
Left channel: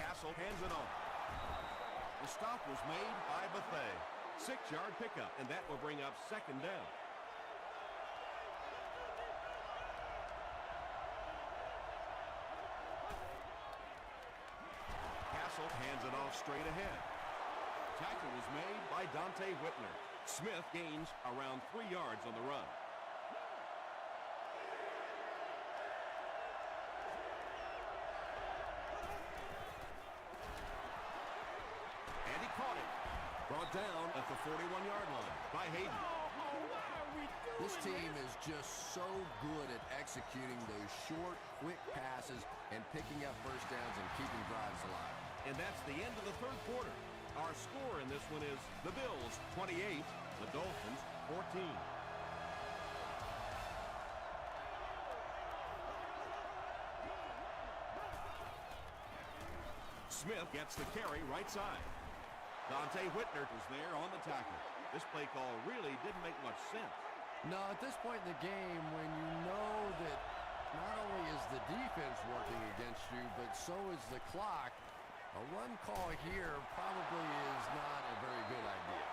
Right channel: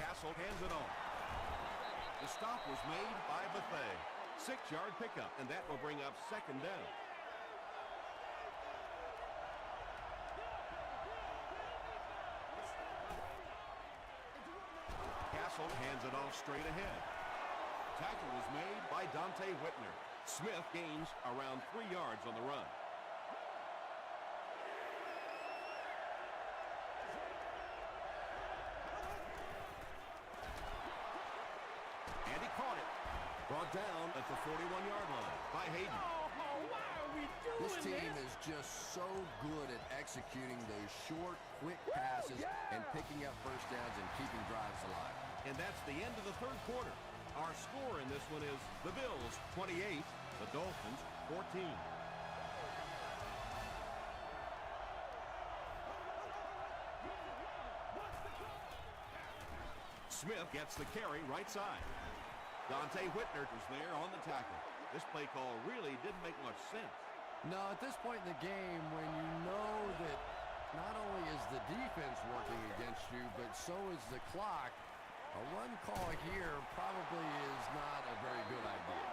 Castle hands it off. The stop was made by Bethea. 6-yard pickup, and that will bring up second down. Castle hands it off straight ahead. Tackle was made by Dante Whitner. Smith gains around 3 yards on the run. And he caught it. Brought down at the 41-yard line by Hayden. Oh, why are we doing This team is just so good at executing those short, quick passes and picking up first downs and keeping drives alive. And that's the end of the third quarter. Our score in this one is the Bills 28, the Dolphins 14. Smith gets the carry right side. Dante Whitner was there on the tackle. This play call really didn't make much sense. No, at this point in the game, when you know that not only is the defense working against you, but so is the clock, a run call here probably is not a very good idea.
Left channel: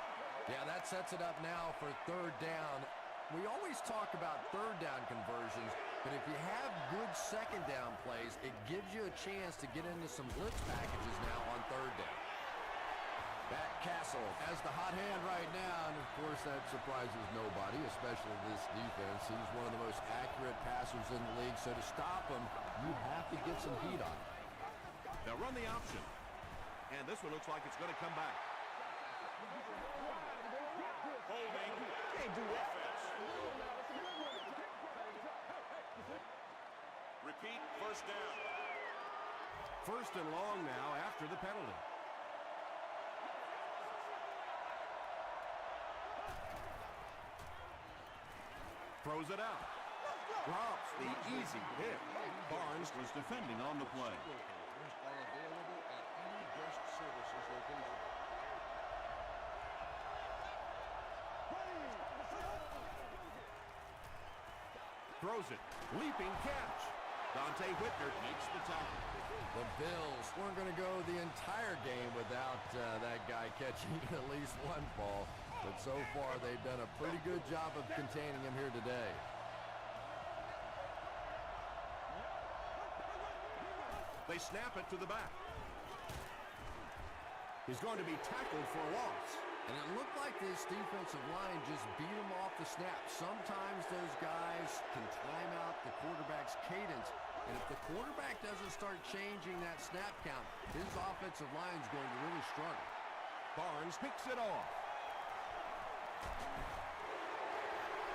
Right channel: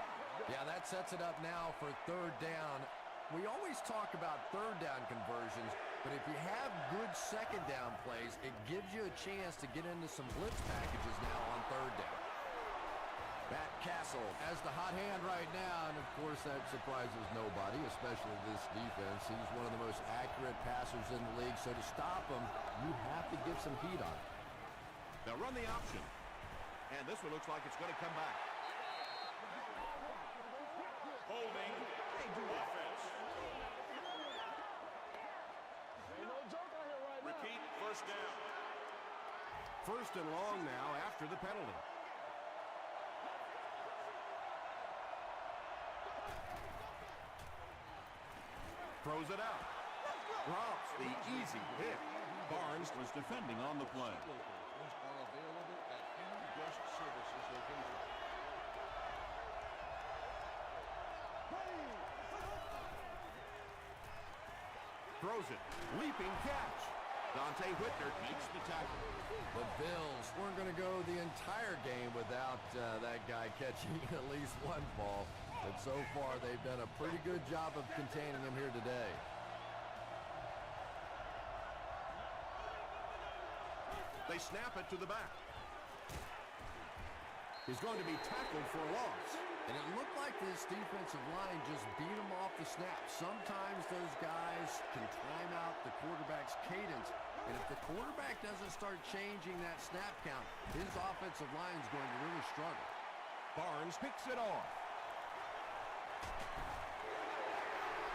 Yeah, that sets it up now for third down. We always talk about third down conversions, but if you have good second down plays, it gives you a chance to get into some blitz packages now on third down. Back Castle has the hot hand right now, and of course that surprises nobody, especially this defense. He's one of the most accurate passers in the league, so to stop him, you have to get some heat on him. They'll run the option. And this one looks like it's going to come back. Holding. Offense. Repeat, first down. First and long now after the penalty. Throws it out. Drops the easy pick. Barnes was defending on the play. Are available at any Guest Services location. Throws it. Leaping catch. Dante Whitner makes the tackle. The Bills weren't going to go the entire game without that guy catching at least one ball. But so far, they've done a pretty good job of containing him here today. They snap it to the back. He's going to be tackled for a loss. And it looked like this defensive line just beat him off the snap. Sometimes those guys can time out the quarterback's cadence. And if the quarterback doesn't start changing that snap count, his offensive line is going to really struggle. Barnes picks it off.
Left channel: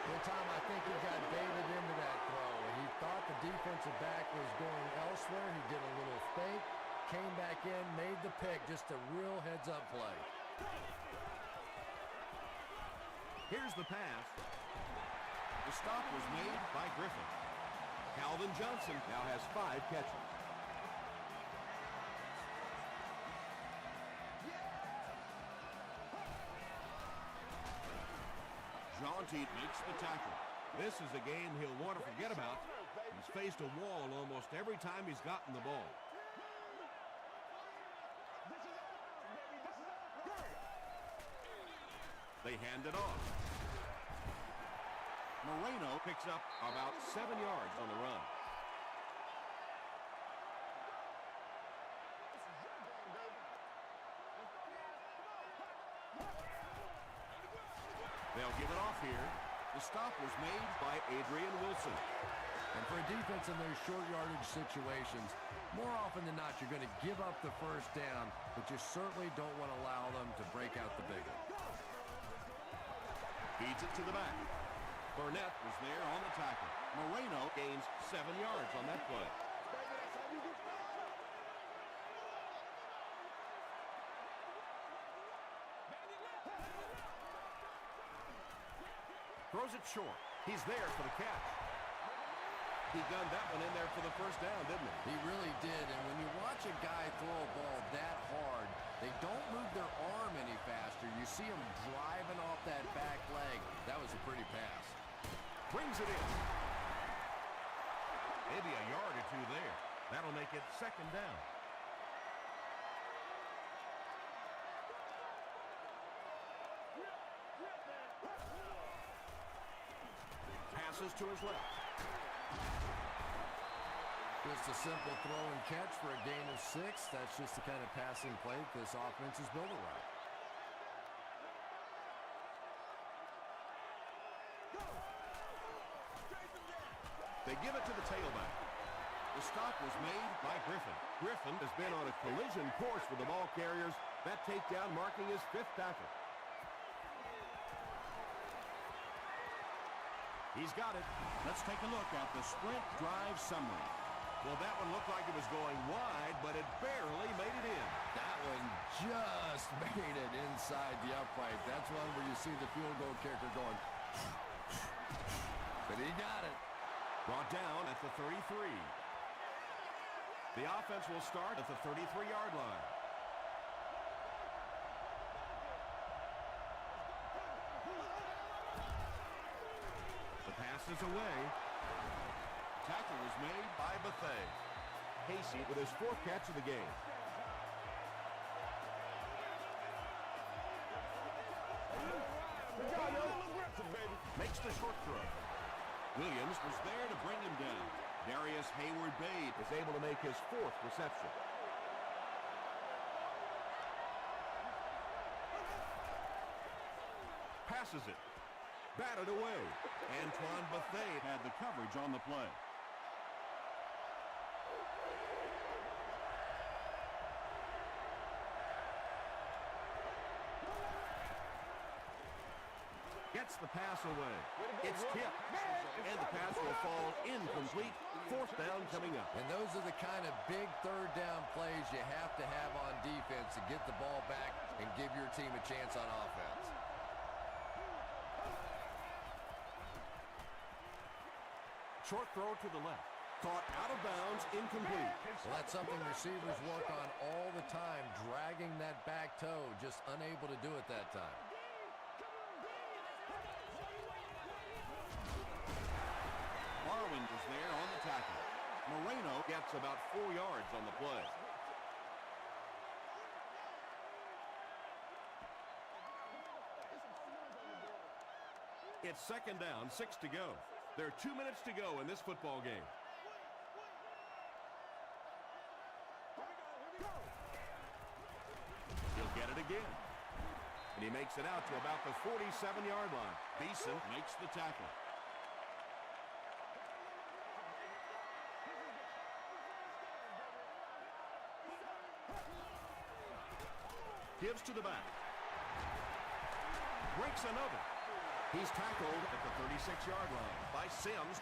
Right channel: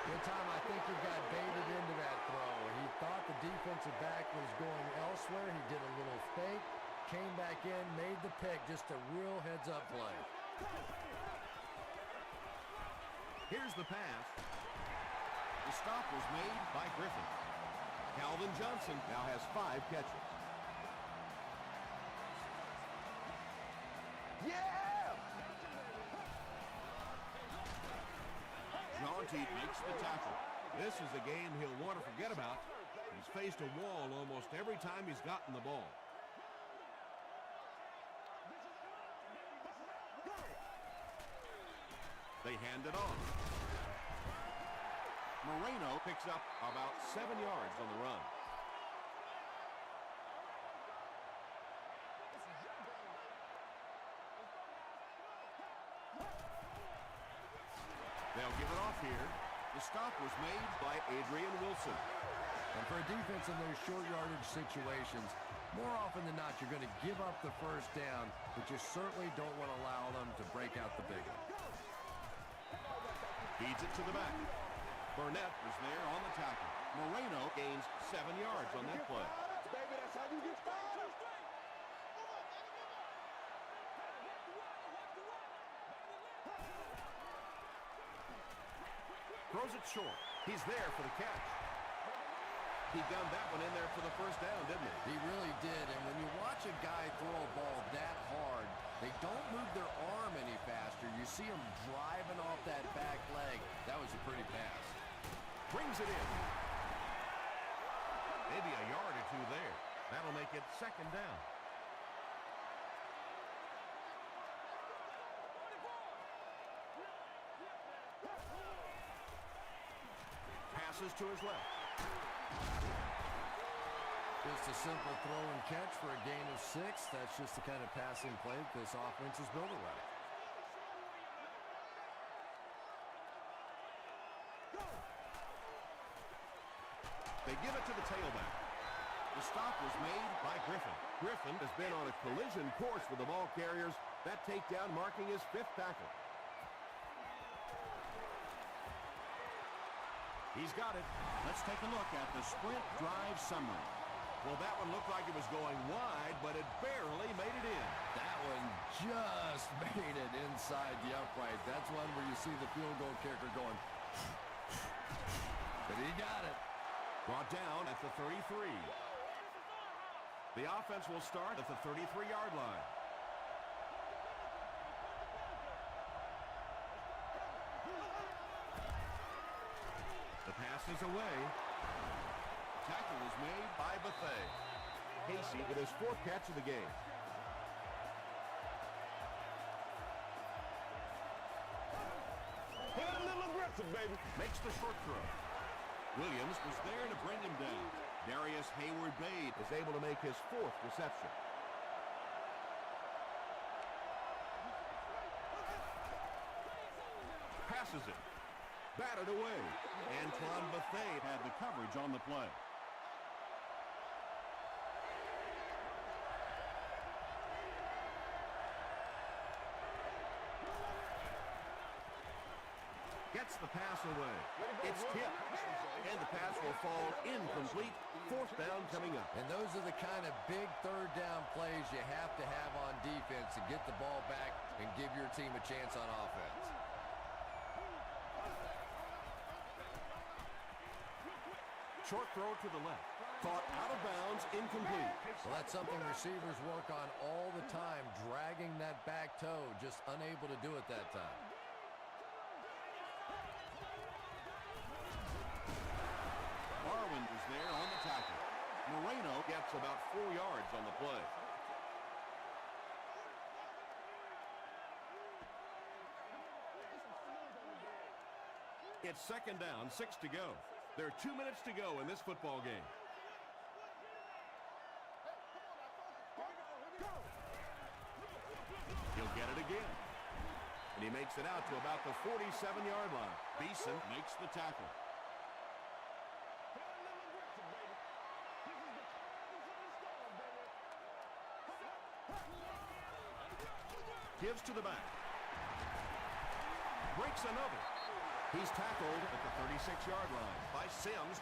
Good time, I think he got baited into that throw. He thought the defensive back was going elsewhere. He did a little fake, came back in, made the pick. Just a real heads-up play. Here's the pass. The stop was made by Griffin. Calvin Johnson now has 5 catches. Jaunty makes the tackle. This is a game he'll want to forget about. He's faced a wall almost every time he's gotten the ball. They hand it off. Moreno picks up about 7 yards on the run. This is your game, baby. Let's go, guys. Come on. They'll give it off here. The stop was made by Adrian Wilson. And for a defense in those short yardage situations, more often than not, you're going to give up the first down, but you certainly don't want to allow them to break out the big one. Feeds it to the back. Burnett was there on the tackle. Moreno gains 7 yards on that play. Baby, that's how you get started. Throws it short. He's there for the catch. He gunned that one in there for the first down, didn't he? He really did, and when you watch a guy throw a ball that hard, they don't move their arm any faster. You see him driving off that back leg. That was a pretty pass. Brings it in. Maybe a yard or two there. That'll make it second down. passes to his left. Just a simple throw and catch for a gain of 6. That's just the kind of passing play this offense is built around. They give it to the tailback. The stop was made by Griffin. Griffin has been on a collision course with the ball carriers. That takedown marking his 5th tackle. He's got it. Let's take a look at the sprint drive summary. Well, that one looked like it was going wide, but it barely made it in. That one just made it inside the upright. That's one where you see the field goal kicker going, but he got it. Brought down at the 33. The offense will start at the 33-yard line. The pass is away. Tackle was made by Bethea. Casey with his 4th catch of the game. A little aggressive, baby. Makes the short throw. Williams was there to bring him down. Darius Hayward-Bade is able to make his 4th reception. Passes it. Batted away. Antoine Bethea Had the coverage on the play. gets the pass away. It's tipped, and the pass will fall incomplete. 4th down coming up. And those are the kind of big 3rd down plays you have to have on defense to get the ball back and give your team a chance on offense. Short throw to the left. Caught out of bounds, incomplete. Well, that's something receivers work on all the time, dragging that back toe, just unable to do it that time. Barwin was there on the tackle. Moreno gets about 4 yards on the play. It's 2nd down, 6 to go. There are 2 minutes to go in this football game. He'll get it again. And he makes it out to about the 47-yard line. Beeson makes the tackle. Gives to the back. Breaks another. He's tackled at the 36-yard line by Sims.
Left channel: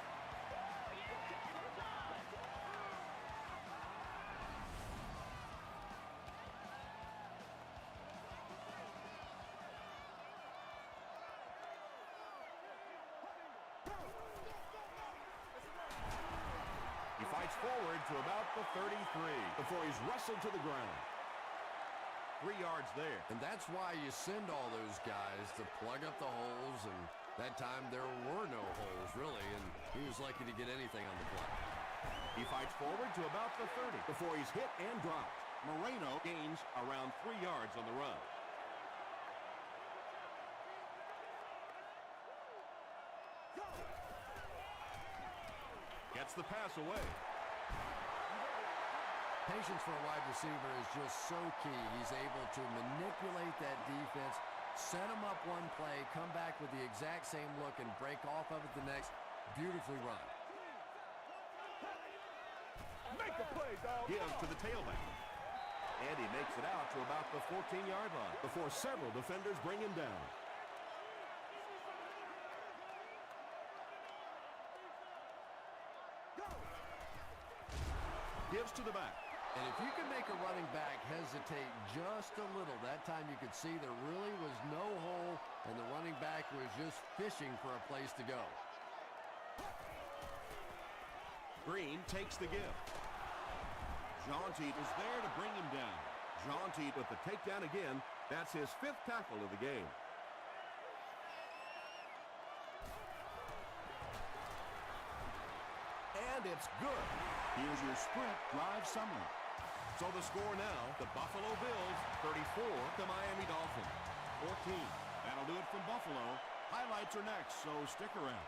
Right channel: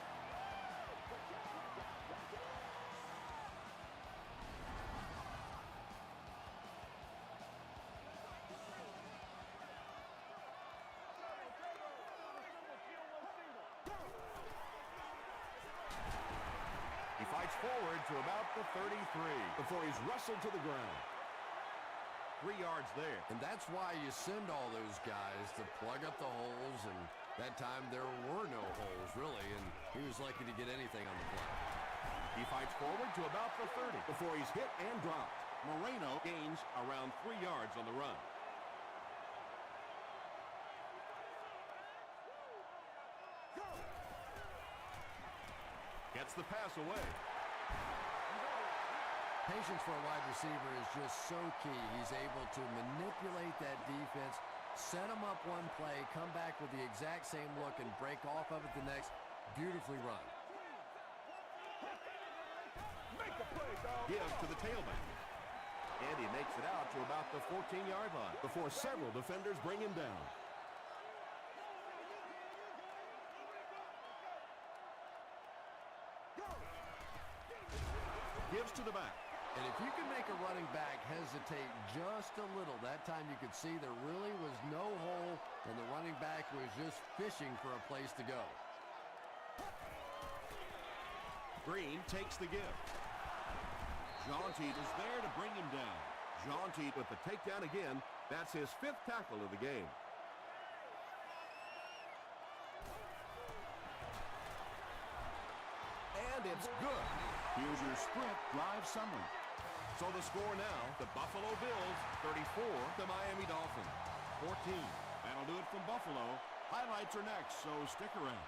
He fights forward to about the 33 before he's wrestled to the ground. 3 yards there. And that's why you send all those guys to plug up the holes, and that time there were no holes, really, and he was lucky to get anything on the play. He fights forward to about the 30 before he's hit and dropped. Moreno gains around 3 yards on the run. Gets the pass away. Patience for a wide receiver is just so key. He's able to manipulate that defense, set them up one play, come back with the exact same look, and break off of it the next. Beautifully run. Make a play, dog. Gives to the tailback. And he makes it out to about the 14-yard line before several defenders bring him down. Gives to the back. And if you can make a running back hesitate just a little, that time you could see there really was no hole, and the running back was just fishing for a place to go. Green takes the give. Jaunty is there to bring him down. Jaunty with the takedown again. That's his 5th tackle of the game. And it's good. Here's your sprint drive summary. So the score now, the Buffalo Bills 34, the Miami Dolphins 14. That'll do it from Buffalo. Highlights are next, so stick around.